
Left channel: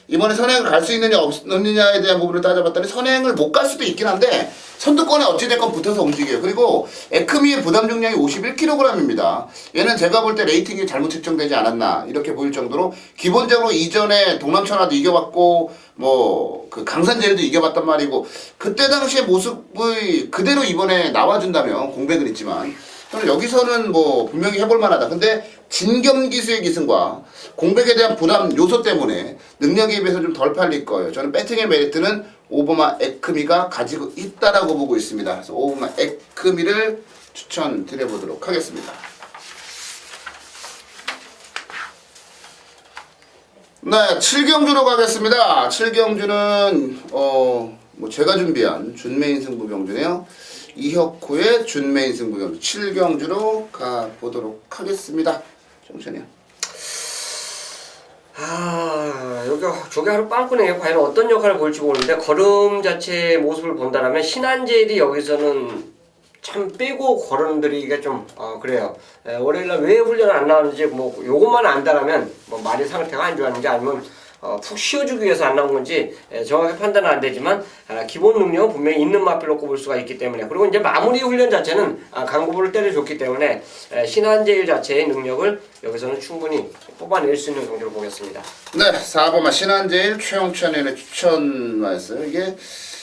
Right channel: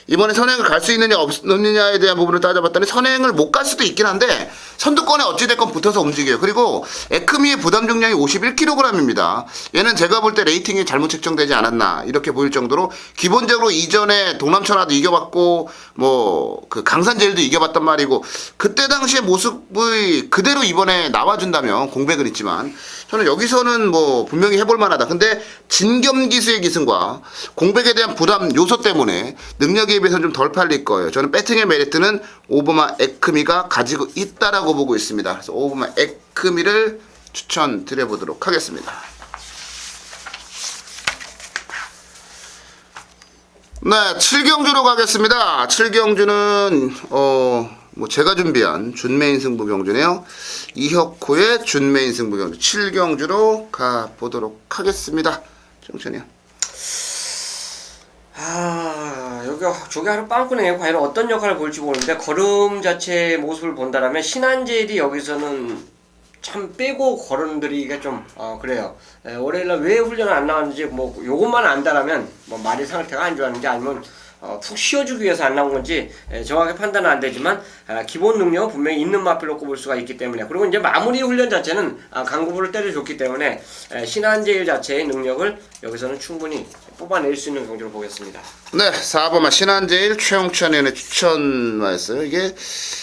이번에 선행을 갈 수 있느냐 없느냐에 대한 부분을 따져봤더니 선행을 못 갈 수도 있긴 한데 선두권에 어찌됐건 붙어서 움직여요. 그리고 에크미의 부담 중량이 51kg입니다. 얘는 제가 볼 때 레이팅이 잘못 책정되지 않았나 이렇게 보일 정도로 기본적으로 이전에 동남천하도 이겨봤고 뭐 그 강산제일도 이겨봤단 말이고 그때 당시의 모습이 그대로 이번에 나와준다면 공백은 있지만 저는 여기서는 뭐 분명히 해볼 만하다. 근데 진겸기수의 기승과 공백에 대한 부담 요소 때문에 능력에 비해서 좀 덜 팔릴 거예요. 저는 배팅의 메리트는 5번마 에크미가 가지고 있다라고 보고 있습니다. 그래서 5번마 에크미를 추천드려보도록 하겠습니다. 네, 7경주로 가겠습니다. 7경주는 뭐 제가 준비한 준메인 승부 경주네요. 이혁호의 준메인 승부 경주 7경주로 가보도록 하겠습니다. 정천이요. 저게 하루 빵꾸네요. 과연 어떤 역할을 볼지 모르는데 걸음 자체의 모습을 본다면 신한제일이 여기서는 참 빼고 걸음들이기가 좀 그래요. 월요일날 왜 훈련을 안 나왔는지 뭐 요것만 안다라면 뭐 말이 상태가 안 좋았는지 아니면 푹 쉬어주기 위해서 안 나온 건지 정확히 판단은 안 되지만 기본 능력은 분명히 있는 마필로 꼽을 수가 있기 때문에, 그리고 이제 마무리 훈련 자체는 강구부를 때려줬기 때문에 신한제일 자체의 능력을 여기서는 충분히 뽑아낼 수 있는 경기로 보겠습니다. 네, 4번마 신한제일 최홍찬 의원의 추천마였어요. 이게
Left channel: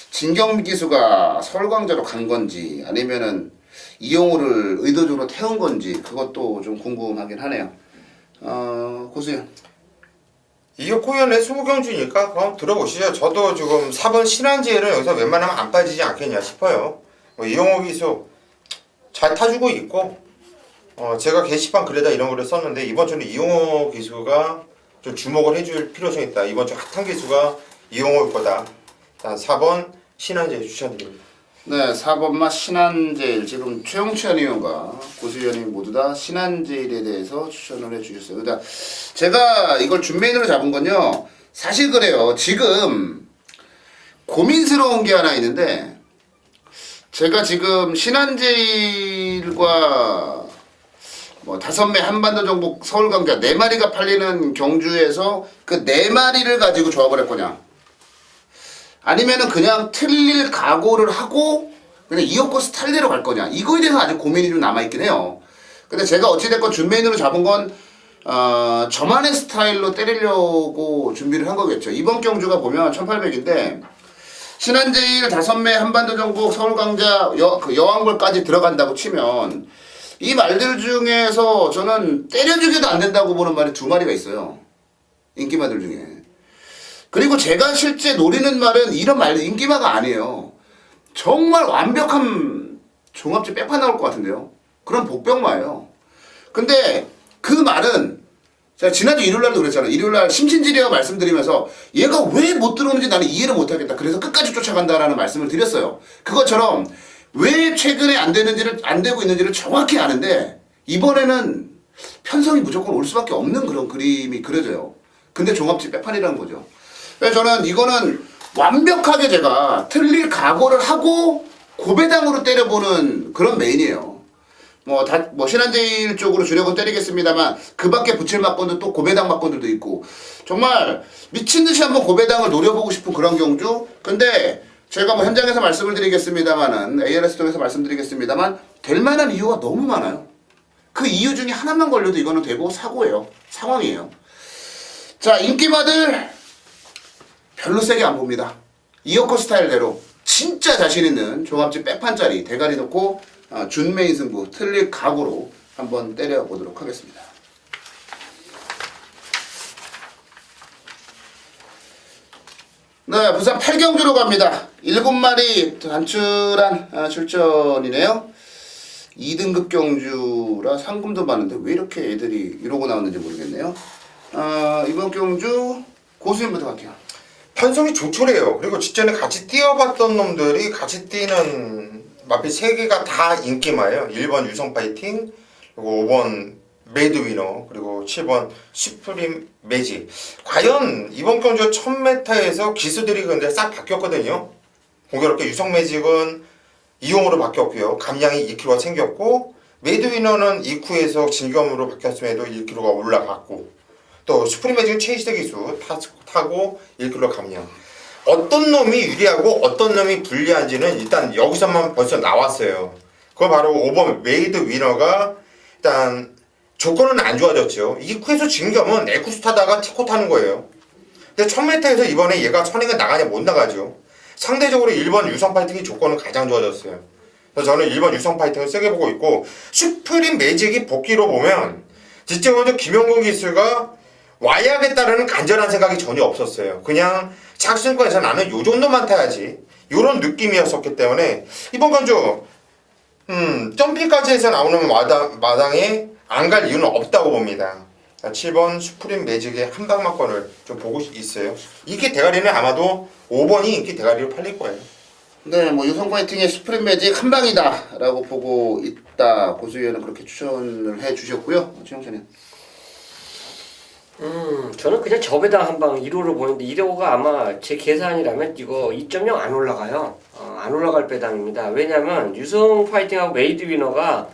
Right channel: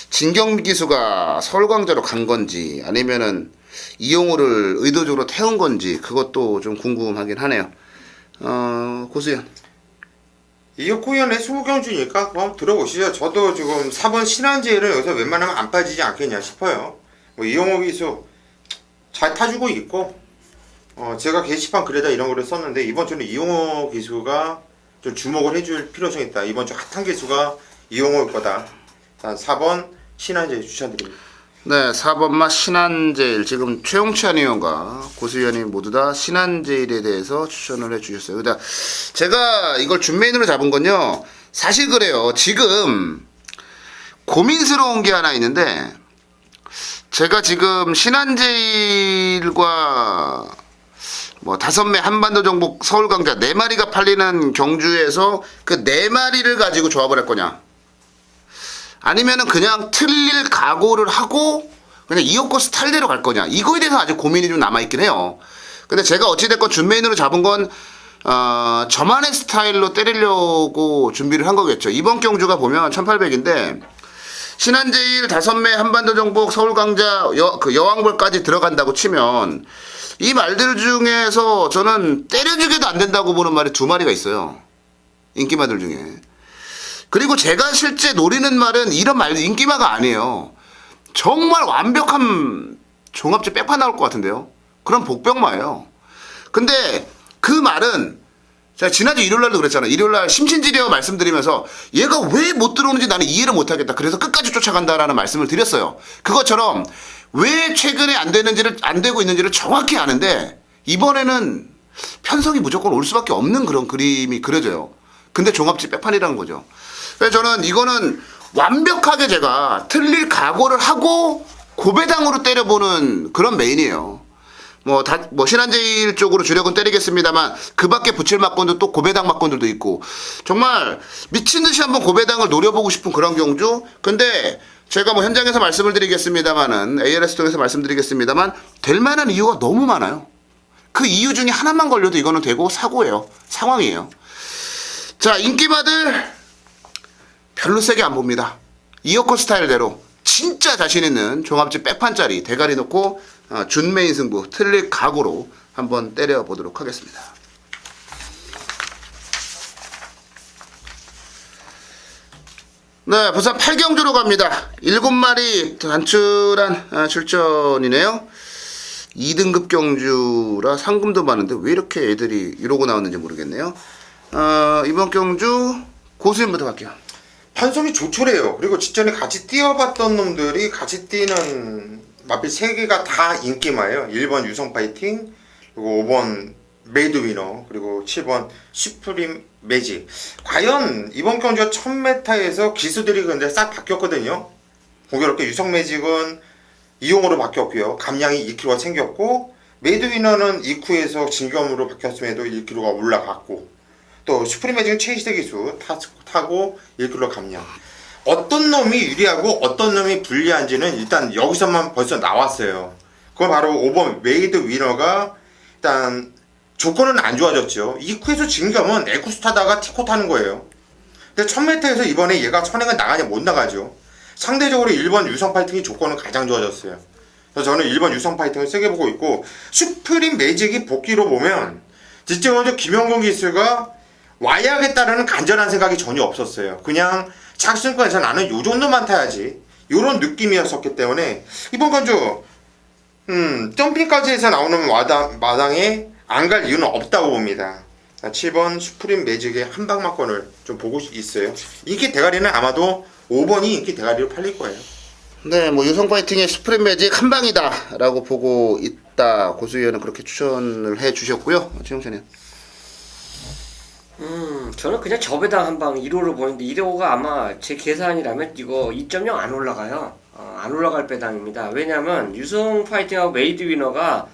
진경미 기수가 서울광자로 간 건지 아니면은 이용호를 의도적으로 태운 건지 그것도 좀 궁금하긴 하네요. 고수현. 이혁호 의원의 20경주니까 한번 들어보시죠. 저도 지금 4번 신한제일은 여기서 웬만하면 안 빠지지 않겠냐 싶어요. 뭐 이용호 기수 잘 타주고 있고, 제가 게시판 글에다 이런 거를 썼는데 이번 주는 이용호 기수가 좀 주목을 해줄 필요성이 있다. 이번 주 핫한 기수가 이용호일 거다. 일단 4번 신한제일 추천드립니다. 네, 4번마 신한제일. 지금 최홍찬 의원과 고수위원이 모두 다 신한제일에 대해서 추천을 해주셨어요. 그러니까 제가 이걸 준메인으로 잡은 건요, 사실 그래요. 지금 고민스러운 게 하나 있는데, 제가 지금 신한제일과 뭐 5매 한반도 정복 서울광자 4마리가 팔리는 경주에서 그 4마리를 가지고 조합을 할 거냐, 아니면은 그냥 틀릴 각오를 하고 그냥 이혁호 스타일대로 갈 거냐, 이거에 대해서 아직 고민이 좀 남아있긴 해요. 근데 제가 어찌됐건 준메인으로 잡은 건 저만의 스타일로 때리려고 준비를 한 거겠죠. 이번 경주가 보면 1800인데 신한제일 5매 한반도 정복 서울광자 여왕벌까지 들어간다고 치면 이 말들 중에서 저는 때려주게도 안 된다고 보는 말이 2마리가 있어요. 인기마들 중에. 그리고 제가 실제 노리는 말은 이런 말, 인기마가 아니에요. 정말 완벽한 종합제 빼파 나올 것 같은데요. 그런 복병마예요. 근데 그 말은 제가 지난주 일요일날도 그랬잖아요. 일요일날 심신지리와 말씀드리면서 얘가 왜 못 들어오는지 나는 이해를 못하겠다. 그래서 끝까지 쫓아간다라는 말씀을 드렸어요. 그것처럼 왜 최근에 안 되고 있는지를 정확히 아는데 이번에는 편성이 무조건 올 수밖에 없는 그런 그림이 그려져요. 근데 종합제 빼판이라는 거죠. 그래서 저는 이거는 완벽하게 제가 틀릴 각오를 하고 고배당으로 때려보는 그런 메인이에요. 뭐 신한제일 쪽으로 주력은 때리겠습니다만 그 밖에 붙일 막건도 또 고배당 막건들도 있고 정말 미친듯이 한번 고배당을 노려보고 싶은 그런 경주. 근데 제가 뭐 현장에서 말씀을 드리겠습니다만은 ALS 통해서 말씀드리겠습니다만 될 만한 이유가 너무 많아요. 그 이유 중에 하나만 걸려도 이거는 되고 사고예요. 상황이에요. 자, 인기마들 별로 세게 안 봅니다. 이혁호 스타일대로 진짜 자신 있는 종합제 빼판짜리 대가리 놓고 준메인 승부 틀릴 각오로 한번 때려보도록 하겠습니다. 네, 부산 8경주로 갑니다. 7마리 단출한 출전이네요. 2등급 경주라 상금도 많은데 왜 이렇게 애들이 이러고 나왔는지 모르겠네요. 이번 경주 고수연부터 갈게요. 판송이 조촐해요. 그리고 직전에 같이 뛰어봤던 놈들이 같이 뛰는 마필 3개가 다 인기마예요. 1번 유성 파이팅, 그리고 5번 메이드 위너, 그리고 7번 슈프림 매직. 과연 이번 경주 1000m에서 기수들이 근데 싹 바뀌었거든요. 공교롭게 유성 매직은 이용으로 바뀌었고요. 감량이 2kg가 생겼고, 메이드 위너는 이쿠에서 진검으로 바뀌었음에도 1kg가 올라갔고, 또 슈프림 매직은 최희대 기수 타고 1kg 감량. 어떤 놈이 유리하고 어떤 놈이 불리한지는 일단 여기서만 벌써 나왔어요. 그건 바로 5번 메이드 위너가 일단 조건은 안 좋아졌죠. 이쿠에서 진겸은 에쿠스 타다가 티코 타는 거예요. 근데 1000m에서 이번에 얘가 선행은 나가냐 못 나가죠. 상대적으로 1번 유성 파이팅이 조건은 가장 좋아졌어요. 그래서 저는 1번 유성 파이팅을 세게 보고 있고, 슈프림 매직이 복귀로 보면 진짜 먼저 김용근 기수가 와야겠다라는 간절한 생각이 전혀 없었어요. 그냥 착순권에서 나는 요 정도만 타야지, 요런 느낌이었었기 때문에 이번 건주 점핑까지 해서 나오는 마당에 안 갈 이유는 없다고 봅니다. 7번 슈프림 매직의 한방막건을 좀 보고 있어요. 인기 대가리는 아마도 5번이 인기 대가리로 팔릴 거예요. 네, 뭐 유성 파이팅의 슈프림 매직 한 방이다라고 보고 있다. 고수위원은 그렇게 추천을 해 주셨고요. 최영찬님. 저는 그냥 저배당 한방 1호를 보는데 1호가 아마 제 계산이라면 이거 2.0 안 올라가요. 안 올라갈 배당입니다. 왜냐면 유성 파이팅하고 메이드 위너가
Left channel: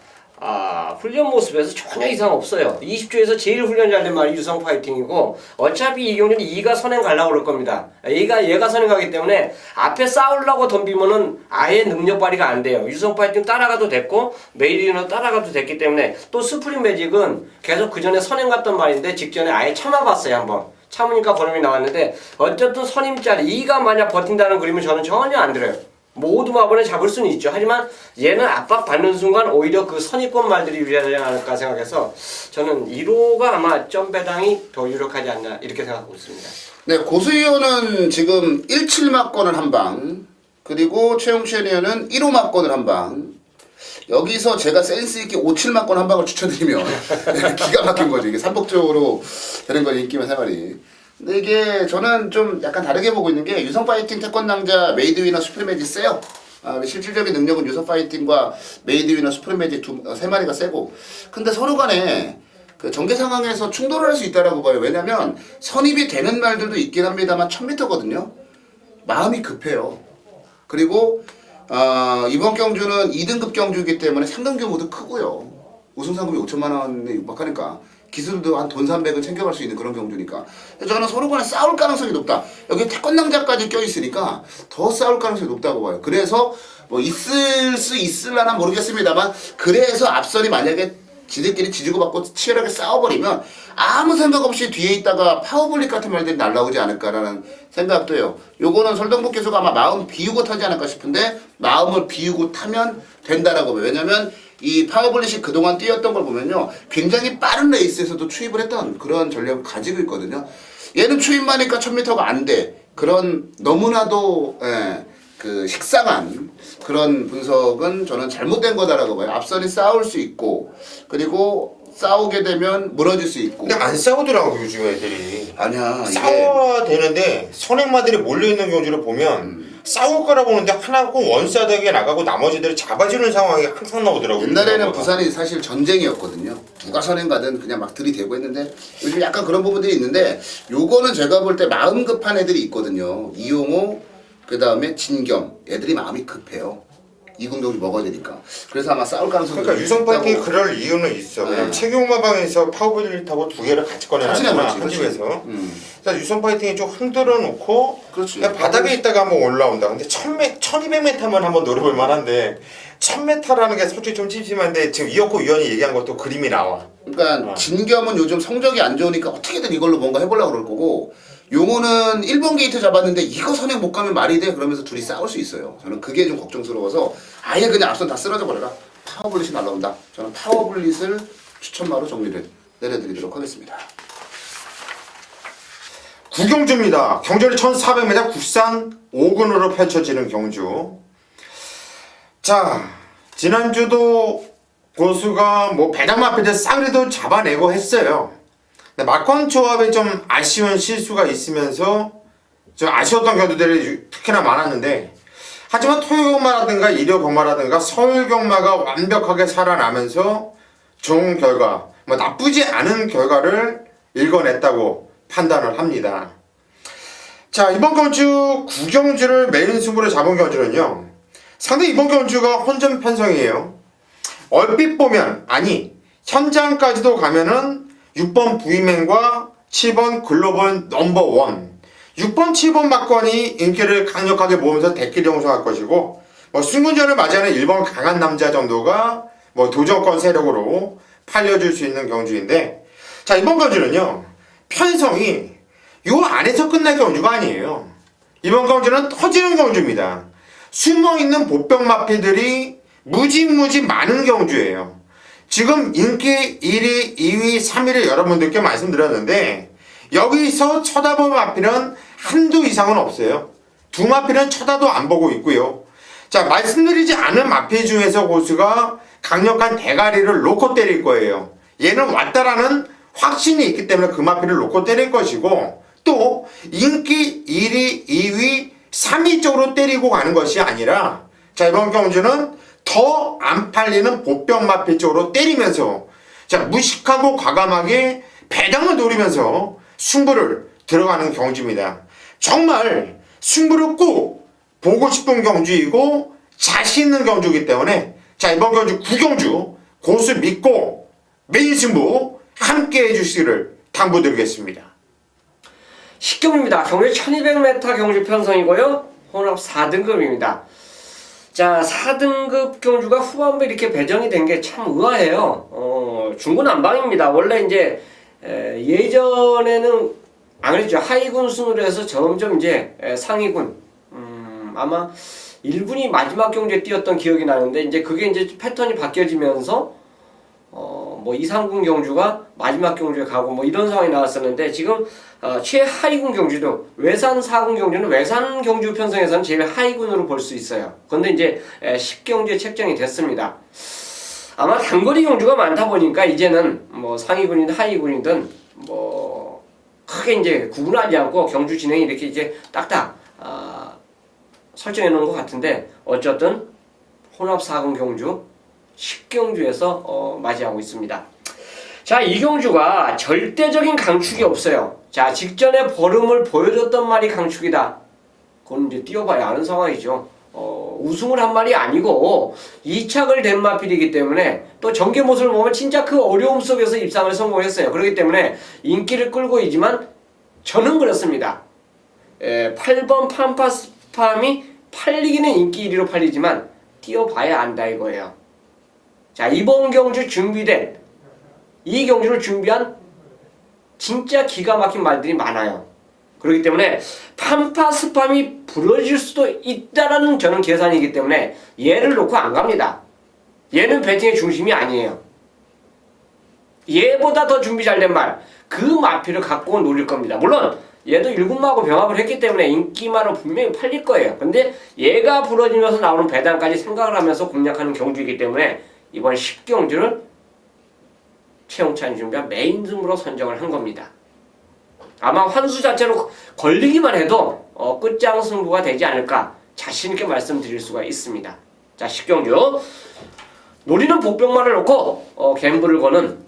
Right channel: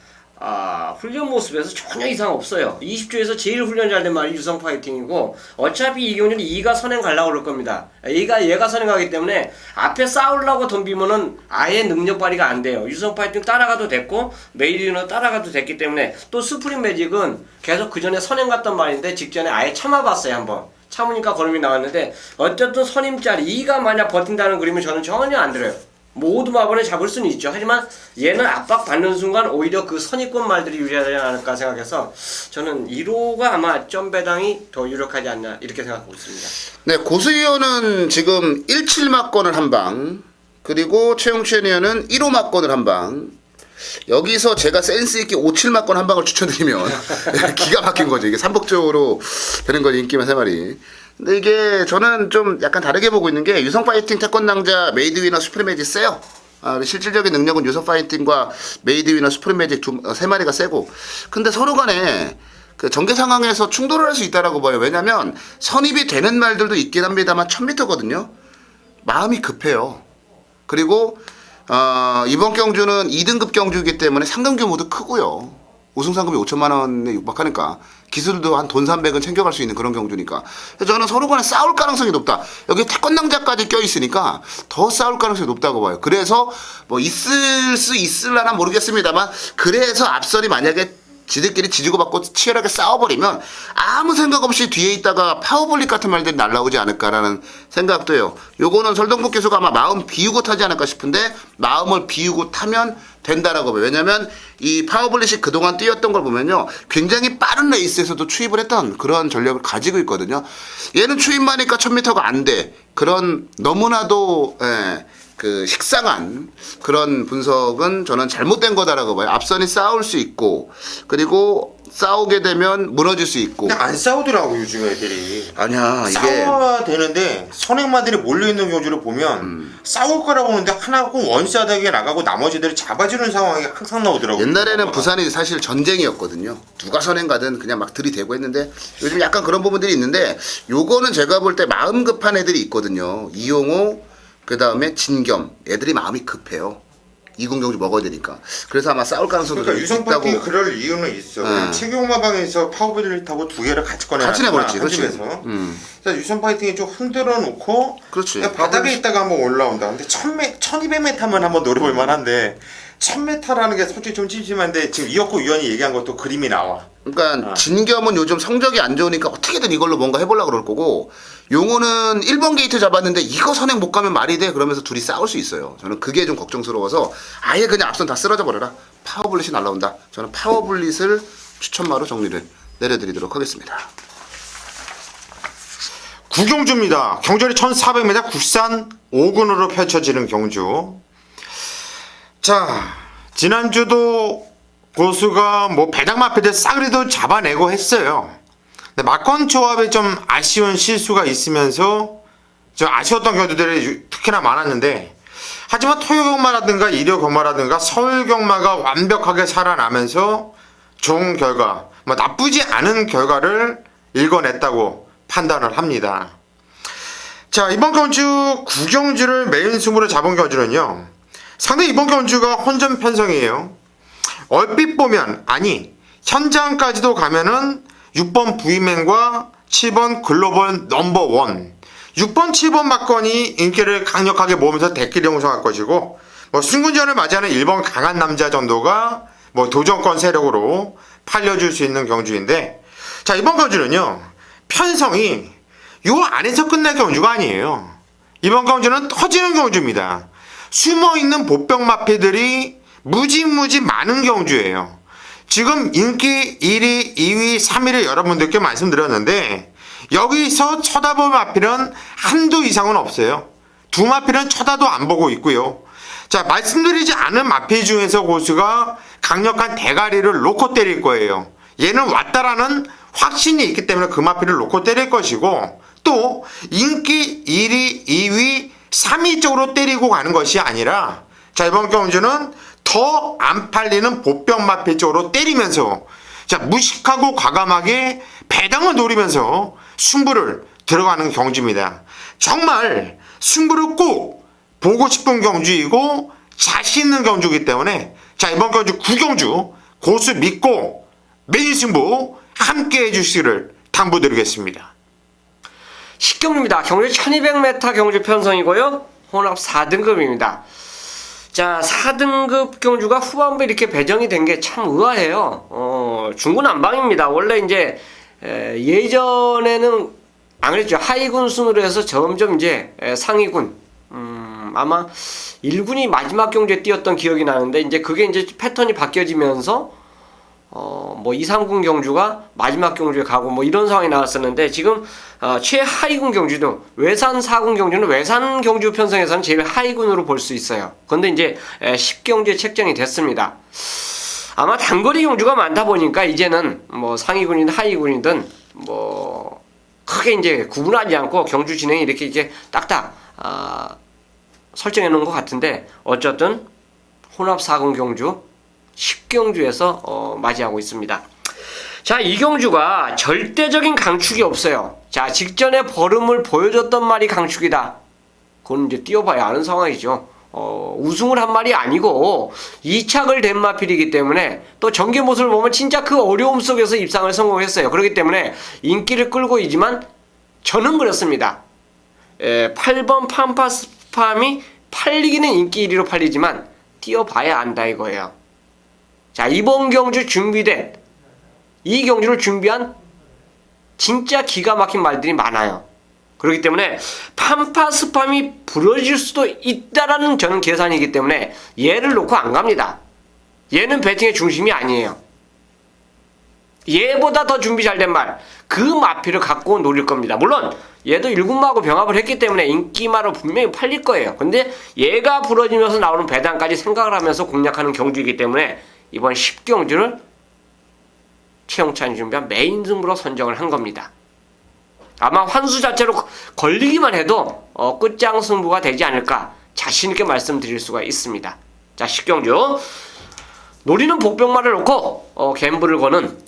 훈련 모습에서 전혀 이상 없어요. 20주에서 제일 훈련 잘 된 말이 유성 파이팅이고 어차피 이 경주는 2가 선행 가려고 그럴 겁니다. 얘가 선행 가기 때문에 앞에 싸우려고 덤비면은 아예 능력 발휘가 안 돼요. 유성 파이팅 따라가도 됐고 메이드 위너 따라가도 됐기 때문에 또 스프링 매직은 계속 그 전에 선행 갔던 말인데 직전에 아예 참아봤어요 한번. 참으니까 걸음이 나왔는데 어쨌든 선임짜리 2가 만약 버틴다는 그림은 저는 전혀 안 들어요. 모두 마번에 잡을 수는 있죠. 하지만 얘는 압박받는 순간 오히려 그 선입권 말들이 유리하지 않을까 생각해서 저는 1호가 아마 점배당이 더 유력하지 않나 이렇게 생각하고 있습니다. 네, 고수위원은 지금 17 막건을 한 방, 그리고 최영찬 위원은 1호 막건을 한 방. 여기서 제가 센스 있게 57 막건 한 방을 추천드리면 기가 막힌 거죠. 이게 삼복적으로 되는 거죠. 인기만 세 마리. 근데 이게 저는 좀 약간 다르게 보고 있는 게 유성 파이팅 태권당자 메이드 위너 슈프림 매직 세요. 실질적인 능력은 유성 파이팅과 메이드 위너 슈프림 매직 세 마리가 세고, 근데 서로 간에 그 전개 상황에서 충돌을 할 수 있다라고 봐요. 왜냐면 선입이 되는 말들도 있긴 합니다만 1000m거든요. 마음이 급해요. 그리고 이번 경주는 2등급 경주이기 때문에 상금 규모도 크고요. 우승 상금이 5천만 원에 육박하니까 기술도 한 돈 300은 챙겨갈 수 있는 그런 경주니까 그래서 저는 서로 간에 싸울 가능성이 높다. 여기 태권당자까지 껴있으니까 더 싸울 가능성이 높다고 봐요. 그래서 뭐 있을 수 있을라나 모르겠습니다만 그래서 앞선이 만약에 지들끼리 지지고 받고 치열하게 싸워버리면 아무 생각 없이 뒤에 있다가 파워블릭 같은 말들이 날라오지 않을까라는 생각도 해요. 요거는 설동국 교수가 아마 마음 비우고 타지 않을까 싶은데 마음을 비우고 타면 된다라고 봐요. 왜냐면 이 파워블릭이 그동안 뛰었던 걸 보면요. 굉장히 빠른 레이스에서도 추입을 했던 그런 전략을 가지고 있거든요. 얘는 추입만 하니까 1000m가 안 돼. 그런 너무나도 그 식상한 그런 분석은 저는 잘못된 거다라고 봐요. 앞선이 싸울 수 있고 그리고 싸우게 되면 무너질 수 있고. 근데 안 싸우더라고 요즘 애들이. 아니야 이게 싸워야 되는데 선행마들이 몰려있는 경주를 보면 싸울 거라고 보는데 하나고 원사닥에 나가고 나머지들이 잡아주는 상황이 항상 나오더라고요. 옛날에는 부산이 사실 전쟁이었거든요. 누가 선행 가든 그냥 막 들이대고 했는데 요즘 약간 그런 부분들이 있는데 요거는 제가 볼 때 마음 급한 애들이 있거든요. 이용호 그 다음에 진겸 애들이 마음이 급해요. 이군경주 먹어야 되니까. 그래서 아마 싸울 가능성이 그러니까 유성 파이팅이 그럴 이유는 있어. 최경마방에서 파워블릭 타고 두 개를 같이 꺼내놨잖아. 한 집에서. 그래서 유성 파이팅이 좀 흔들어 놓고 그렇지. 그냥 바닥에 있다가 한번 올라온다. 근데 1200m만 한번 노려볼 만한데 1000m라는 게 솔직히 좀 찝찝한데 지금 이혁호 위원이 얘기한 것도 그림이 나와. 그러니까 진겸은 요즘 성적이 안 좋으니까 어떻게든 이걸로 뭔가 해보려고 그럴 거고 용호는 1번 게이트 잡았는데 이거 선행 못 가면 말이 돼 그러면서 둘이 싸울 수 있어요. 저는 그게 좀 걱정스러워서 아예 그냥 앞선 다 쓰러져 버려라. 파워블릿이 날라온다. 저는 파워블릿을 추천마로 정리를 내려드리도록 하겠습니다. 구경주입니다. 경절이 1400m 국산 5군으로 펼쳐지는 경주. 자, 지난주도 고수가 뭐 배당마피들 싸그리도 잡아내고 했어요. 근데 막건 조합에 좀 아쉬운 실수가 있으면서 좀 아쉬웠던 경주들이 특히나 많았는데 하지만 토요경마라든가 일요경마라든가 서울경마가 완벽하게 살아나면서 좋은 결과, 뭐 나쁘지 않은 결과를 읽어냈다고 판단을 합니다. 자, 이번 경주 구경주를 메인 승부로 잡은 경주는요. 상당히 이번 경주가 혼전 편성이에요. 얼핏 보면 아니 현장까지도 가면은 6번 부이맨과 7번 글로벌 넘버원 6번 7번 막건이 인기를 강력하게 모으면서 대끼리 형성할 것이고 뭐 순군전을 맞이하는 1번 강한 남자 정도가 뭐 도전권 세력으로 팔려줄 수 있는 경주인데 자 이번 경주는요 편성이 요 안에서 끝날 경주가 아니에요. 이번 경주는 터지는 경주입니다. 숨어있는 보병 마피들이 무지무지 많은 경주예요. 지금 인기 1위, 2위, 3위를 여러분들께 말씀드렸는데 여기서 쳐다볼 마피는 한두 이상은 없어요. 두 마피는 쳐다도 안 보고 있고요. 자, 말씀드리지 않은 마피 중에서 고수가 강력한 대가리를 놓고 때릴 거예요. 얘는 왔다라는 확신이 있기 때문에 그 마필을 놓고 때릴 것이고 또 인기 1위, 2위, 3위 쪽으로 때리고 가는 것이 아니라 자 이번 경주는 더 안 팔리는 보병 마필 쪽으로 때리면서 자 무식하고 과감하게 배당을 노리면서 승부를 들어가는 경주입니다. 정말 승부를 꼭 보고 싶은 경주이고 자신 있는 경주이기 때문에 자 이번 경주 9경주 고수 믿고 매일 승부 함께 해주시기를 당부드리겠습니다. 10경주입니다. 경주 1200m 경주 편성이고요. 혼합 4등급입니다. 자, 4등급 경주가 후반부에 이렇게 배정이 된 게 참 의아해요. 중구난방입니다. 원래 이제 예전에는 안 그랬죠. 하위군 순으로 해서 점점 이제 상위군, 아마 1군이 마지막 경주에 뛰었던 기억이 나는데 이제 그게 이제 패턴이 바뀌어지면서 뭐 2, 3군 경주가 마지막 경주에 가고 뭐 이런 상황이 나왔었는데 지금 최하위군 경주도 외산 4군 경주는 외산 경주 편성에서는 제일 하위군으로 볼 수 있어요. 그런데 이제 10경주에 책정이 됐습니다. 아마 단거리 경주가 많다 보니까 이제는 뭐 상위군이든 하위군이든 뭐 크게 이제 구분하지 않고 경주 진행이 이렇게 딱딱 설정해 놓은 것 같은데 어쨌든 혼합 4군 경주 10경주에서 맞이하고 있습니다. 자, 이 경주가 절대적인 강축이 없어요. 자, 직전에 벌음을 보여줬던 말이 강축이다. 그건 이제 뛰어봐야 아는 상황이죠. 우승을 한 말이 아니고 2착을 된 마필이기 때문에 또 전개 모습을 보면 진짜 그 어려움 속에서 입상을 성공했어요. 그렇기 때문에 인기를 끌고 있지만 저는 그렇습니다. 8번 팜파스팜이 팔리기는 인기 1위로 팔리지만 뛰어봐야 안다 이거예요. 자, 이번 경주 준비된 이 경주를 준비한 진짜 기가 막힌 말들이 많아요. 그렇기 때문에 팜파스팜이 부러질 수도 있다라는 저는 계산이기 때문에 얘를 놓고 안 갑니다. 얘는 배팅의 중심이 아니에요. 얘보다 더 준비 잘 된 말, 그 마필을 갖고 노릴 겁니다. 물론 얘도 1군마하고 병합을 했기 때문에 인기만은 분명히 팔릴 거예요. 근데 얘가 부러지면서 나오는 배당까지 생각을 하면서 공략하는 경주이기 때문에 이번 10경주를 최영찬이 준비한 메인 승부로 선정을 한 겁니다. 아마 환수 자체로 걸리기만 해도 끝장 승부가 되지 않을까 자신있게 말씀드릴 수가 있습니다. 자, 10경주 노리는 복병만을 놓고 갬블을 거는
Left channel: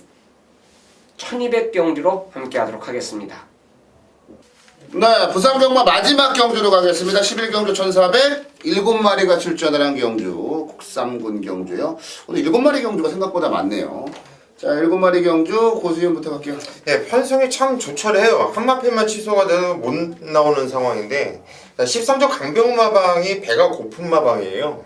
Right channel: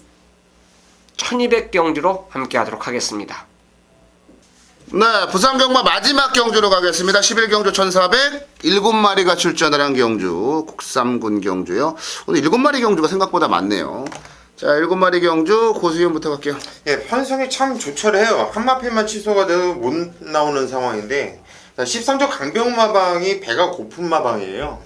1200경주로 함께 하도록 하겠습니다. 네, 부산경마 마지막 경주로 가겠습니다. 11경주 1400 7마리가 출전하는 경주 국삼군 경주요. 오늘 7마리 경주가 생각보다 많네요. 자, 7마리 경주 고수현부터 갈게요. 예, 편성이 참 조촐해요. 한 마필만 취소가 돼도 못 나오는 상황인데 13조 강병마방이 배가 고픈 마방이에요.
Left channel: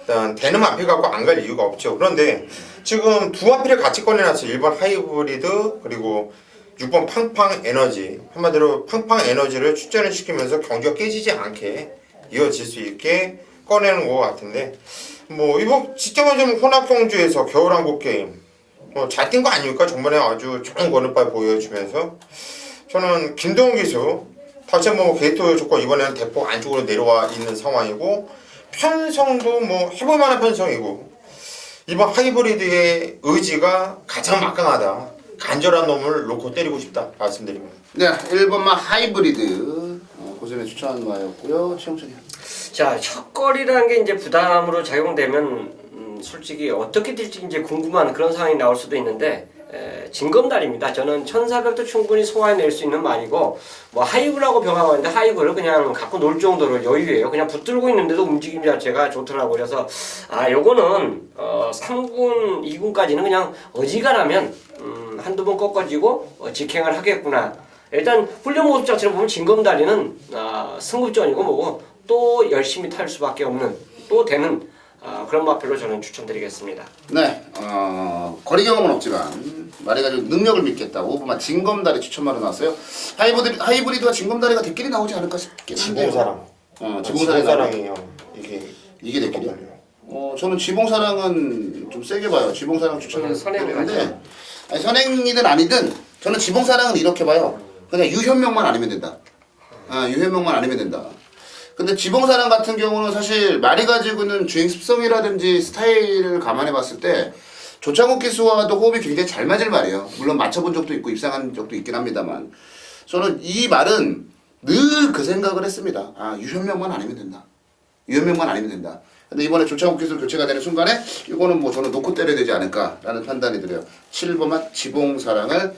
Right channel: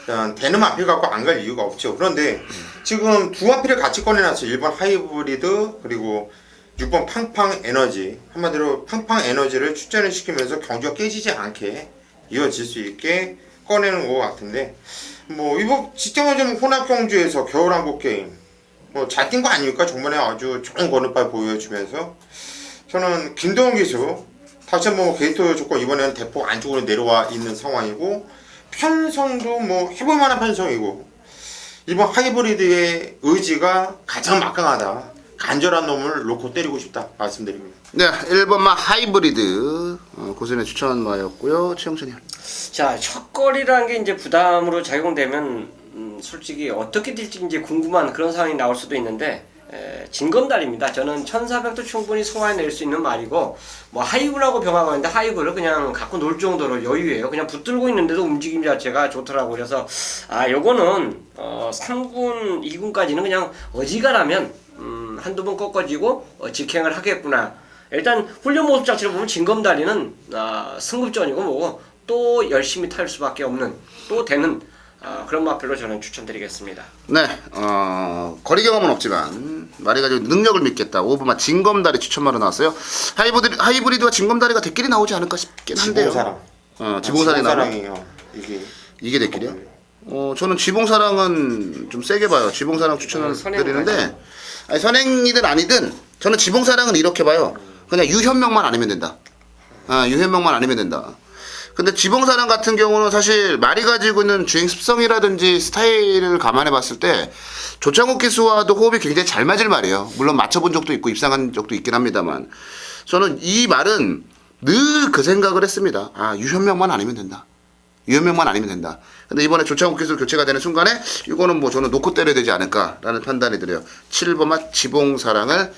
일단 되는 마필 갖고 안 갈 이유가 없죠. 그런데 지금 두 마필을 같이 꺼내놨어요. 1번 하이브리드 그리고 6번 팡팡 에너지. 한마디로 팡팡 에너지를 출전을 시키면서 경주가 깨지지 않게 이어질 수 있게 꺼내는 것 같은데 뭐 이번 직전에 좀 혼합 경주에서 겨울왕국 게임 잘 뛴 거 아닙니까? 정말에 아주 좋은 거느빨 보여주면서 저는 김동훈 기수 다시 한번 게이트 조건 이번에는 대폭 안쪽으로 내려와 있는 상황이고 편성도 뭐 해볼 만한 편성이고 이번 하이브리드의 의지가 가장 막강하다. 간절한 놈을 놓고 때리고 싶다 말씀드립니다. 네, 1번마 하이브리드 고수현의 추천마였고요. 최영찬이. 자, 첫거리라는 게 이제 부담으로 작용되면 솔직히 어떻게 될지 이제 궁금한 그런 상황이 나올 수도 있는데 진검다리입니다. 저는 1400도 충분히 소화해낼 수 있는 말이고 뭐 하이브라고 병합하는데 하이브를 그냥 갖고 놀 정도로 여유예요. 그냥 붙들고 있는데도 움직임 자체가 좋더라고. 그래서 요거는 3군, 2군까지는 그냥 어지간하면 한두 번 꺾어지고 직행을 하겠구나. 일단 훈련 모습 자체를 보면 진검다리는 승급전이고 뭐고 또 열심히 탈 수밖에 없는 또 되는 그런 마필로 저는 추천드리겠습니다. 네, 거리 경험은 없지만 말이 가지고 능력을 믿겠다. 5번마 진검다리 추천마로 나왔어요. 하이브리드와 진검다리가 대끼리 나오지 않을까 싶긴 한데요. 지봉사랑. 지봉사랑이 나와요. 지봉사랑이에요. 이게 대끼리요? 저는 지봉사랑은 좀 세게 봐요. 지봉사랑 추천을 드리는데 아니, 선행이든 아니든 저는 지봉사랑은 이렇게 봐요. 그냥 유현명만 아니면 된다. 유현명만 아니면 된다. 근데 지봉사랑 같은 경우는 사실 말이 가지고 있는 주행 습성이라든지 스타일을 감안해 봤을 때 조창욱 기수와도 호흡이 굉장히 잘 맞을 말이에요. 물론 맞춰본 적도 있고 입상한 적도 있긴 합니다만 저는 이 말은 늘 그 생각을 했습니다. 아, 유현명만 아니면 된다. 유현명만 아니면 된다. 근데 이번에 조창욱 기수 교체가 되는 순간에 이거는 뭐 저는 놓고 때려야 되지 않을까라는 판단이 들어요. 7번맛 지봉사랑을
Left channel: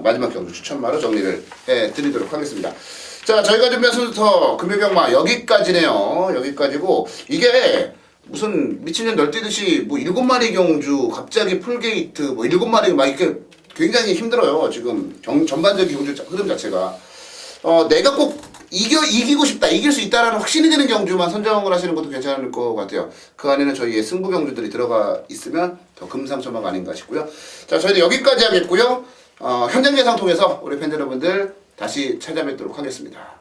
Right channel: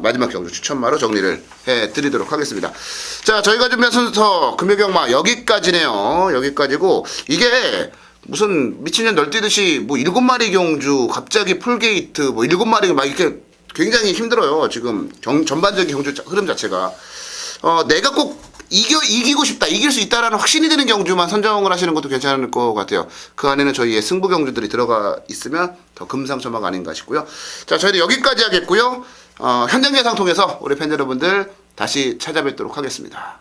마지막 경주 추천마로 정리를 해드리도록 하겠습니다. 자, 저희가 준비한 순서 금요경마 여기까지네요. 여기까지고 이게 무슨 미친년 널뛰듯이 뭐 7마리 경주 갑자기 풀게이트 뭐 7마리 막 이렇게 굉장히 힘들어요. 지금 전반적인 경주 흐름 자체가 내가 꼭 이기고 싶다, 이길 수 있다라는 확신이 드는 경주만 선정을 하시는 것도 괜찮을 것 같아요. 그 안에는 저희의 승부 경주들이 들어가 있으면 더 금상첨화가 아닌가 싶고요. 자, 저희는 여기까지 하겠고요. 현장 예상 통해서 우리 팬 여러분들 다시 찾아뵙도록 하겠습니다.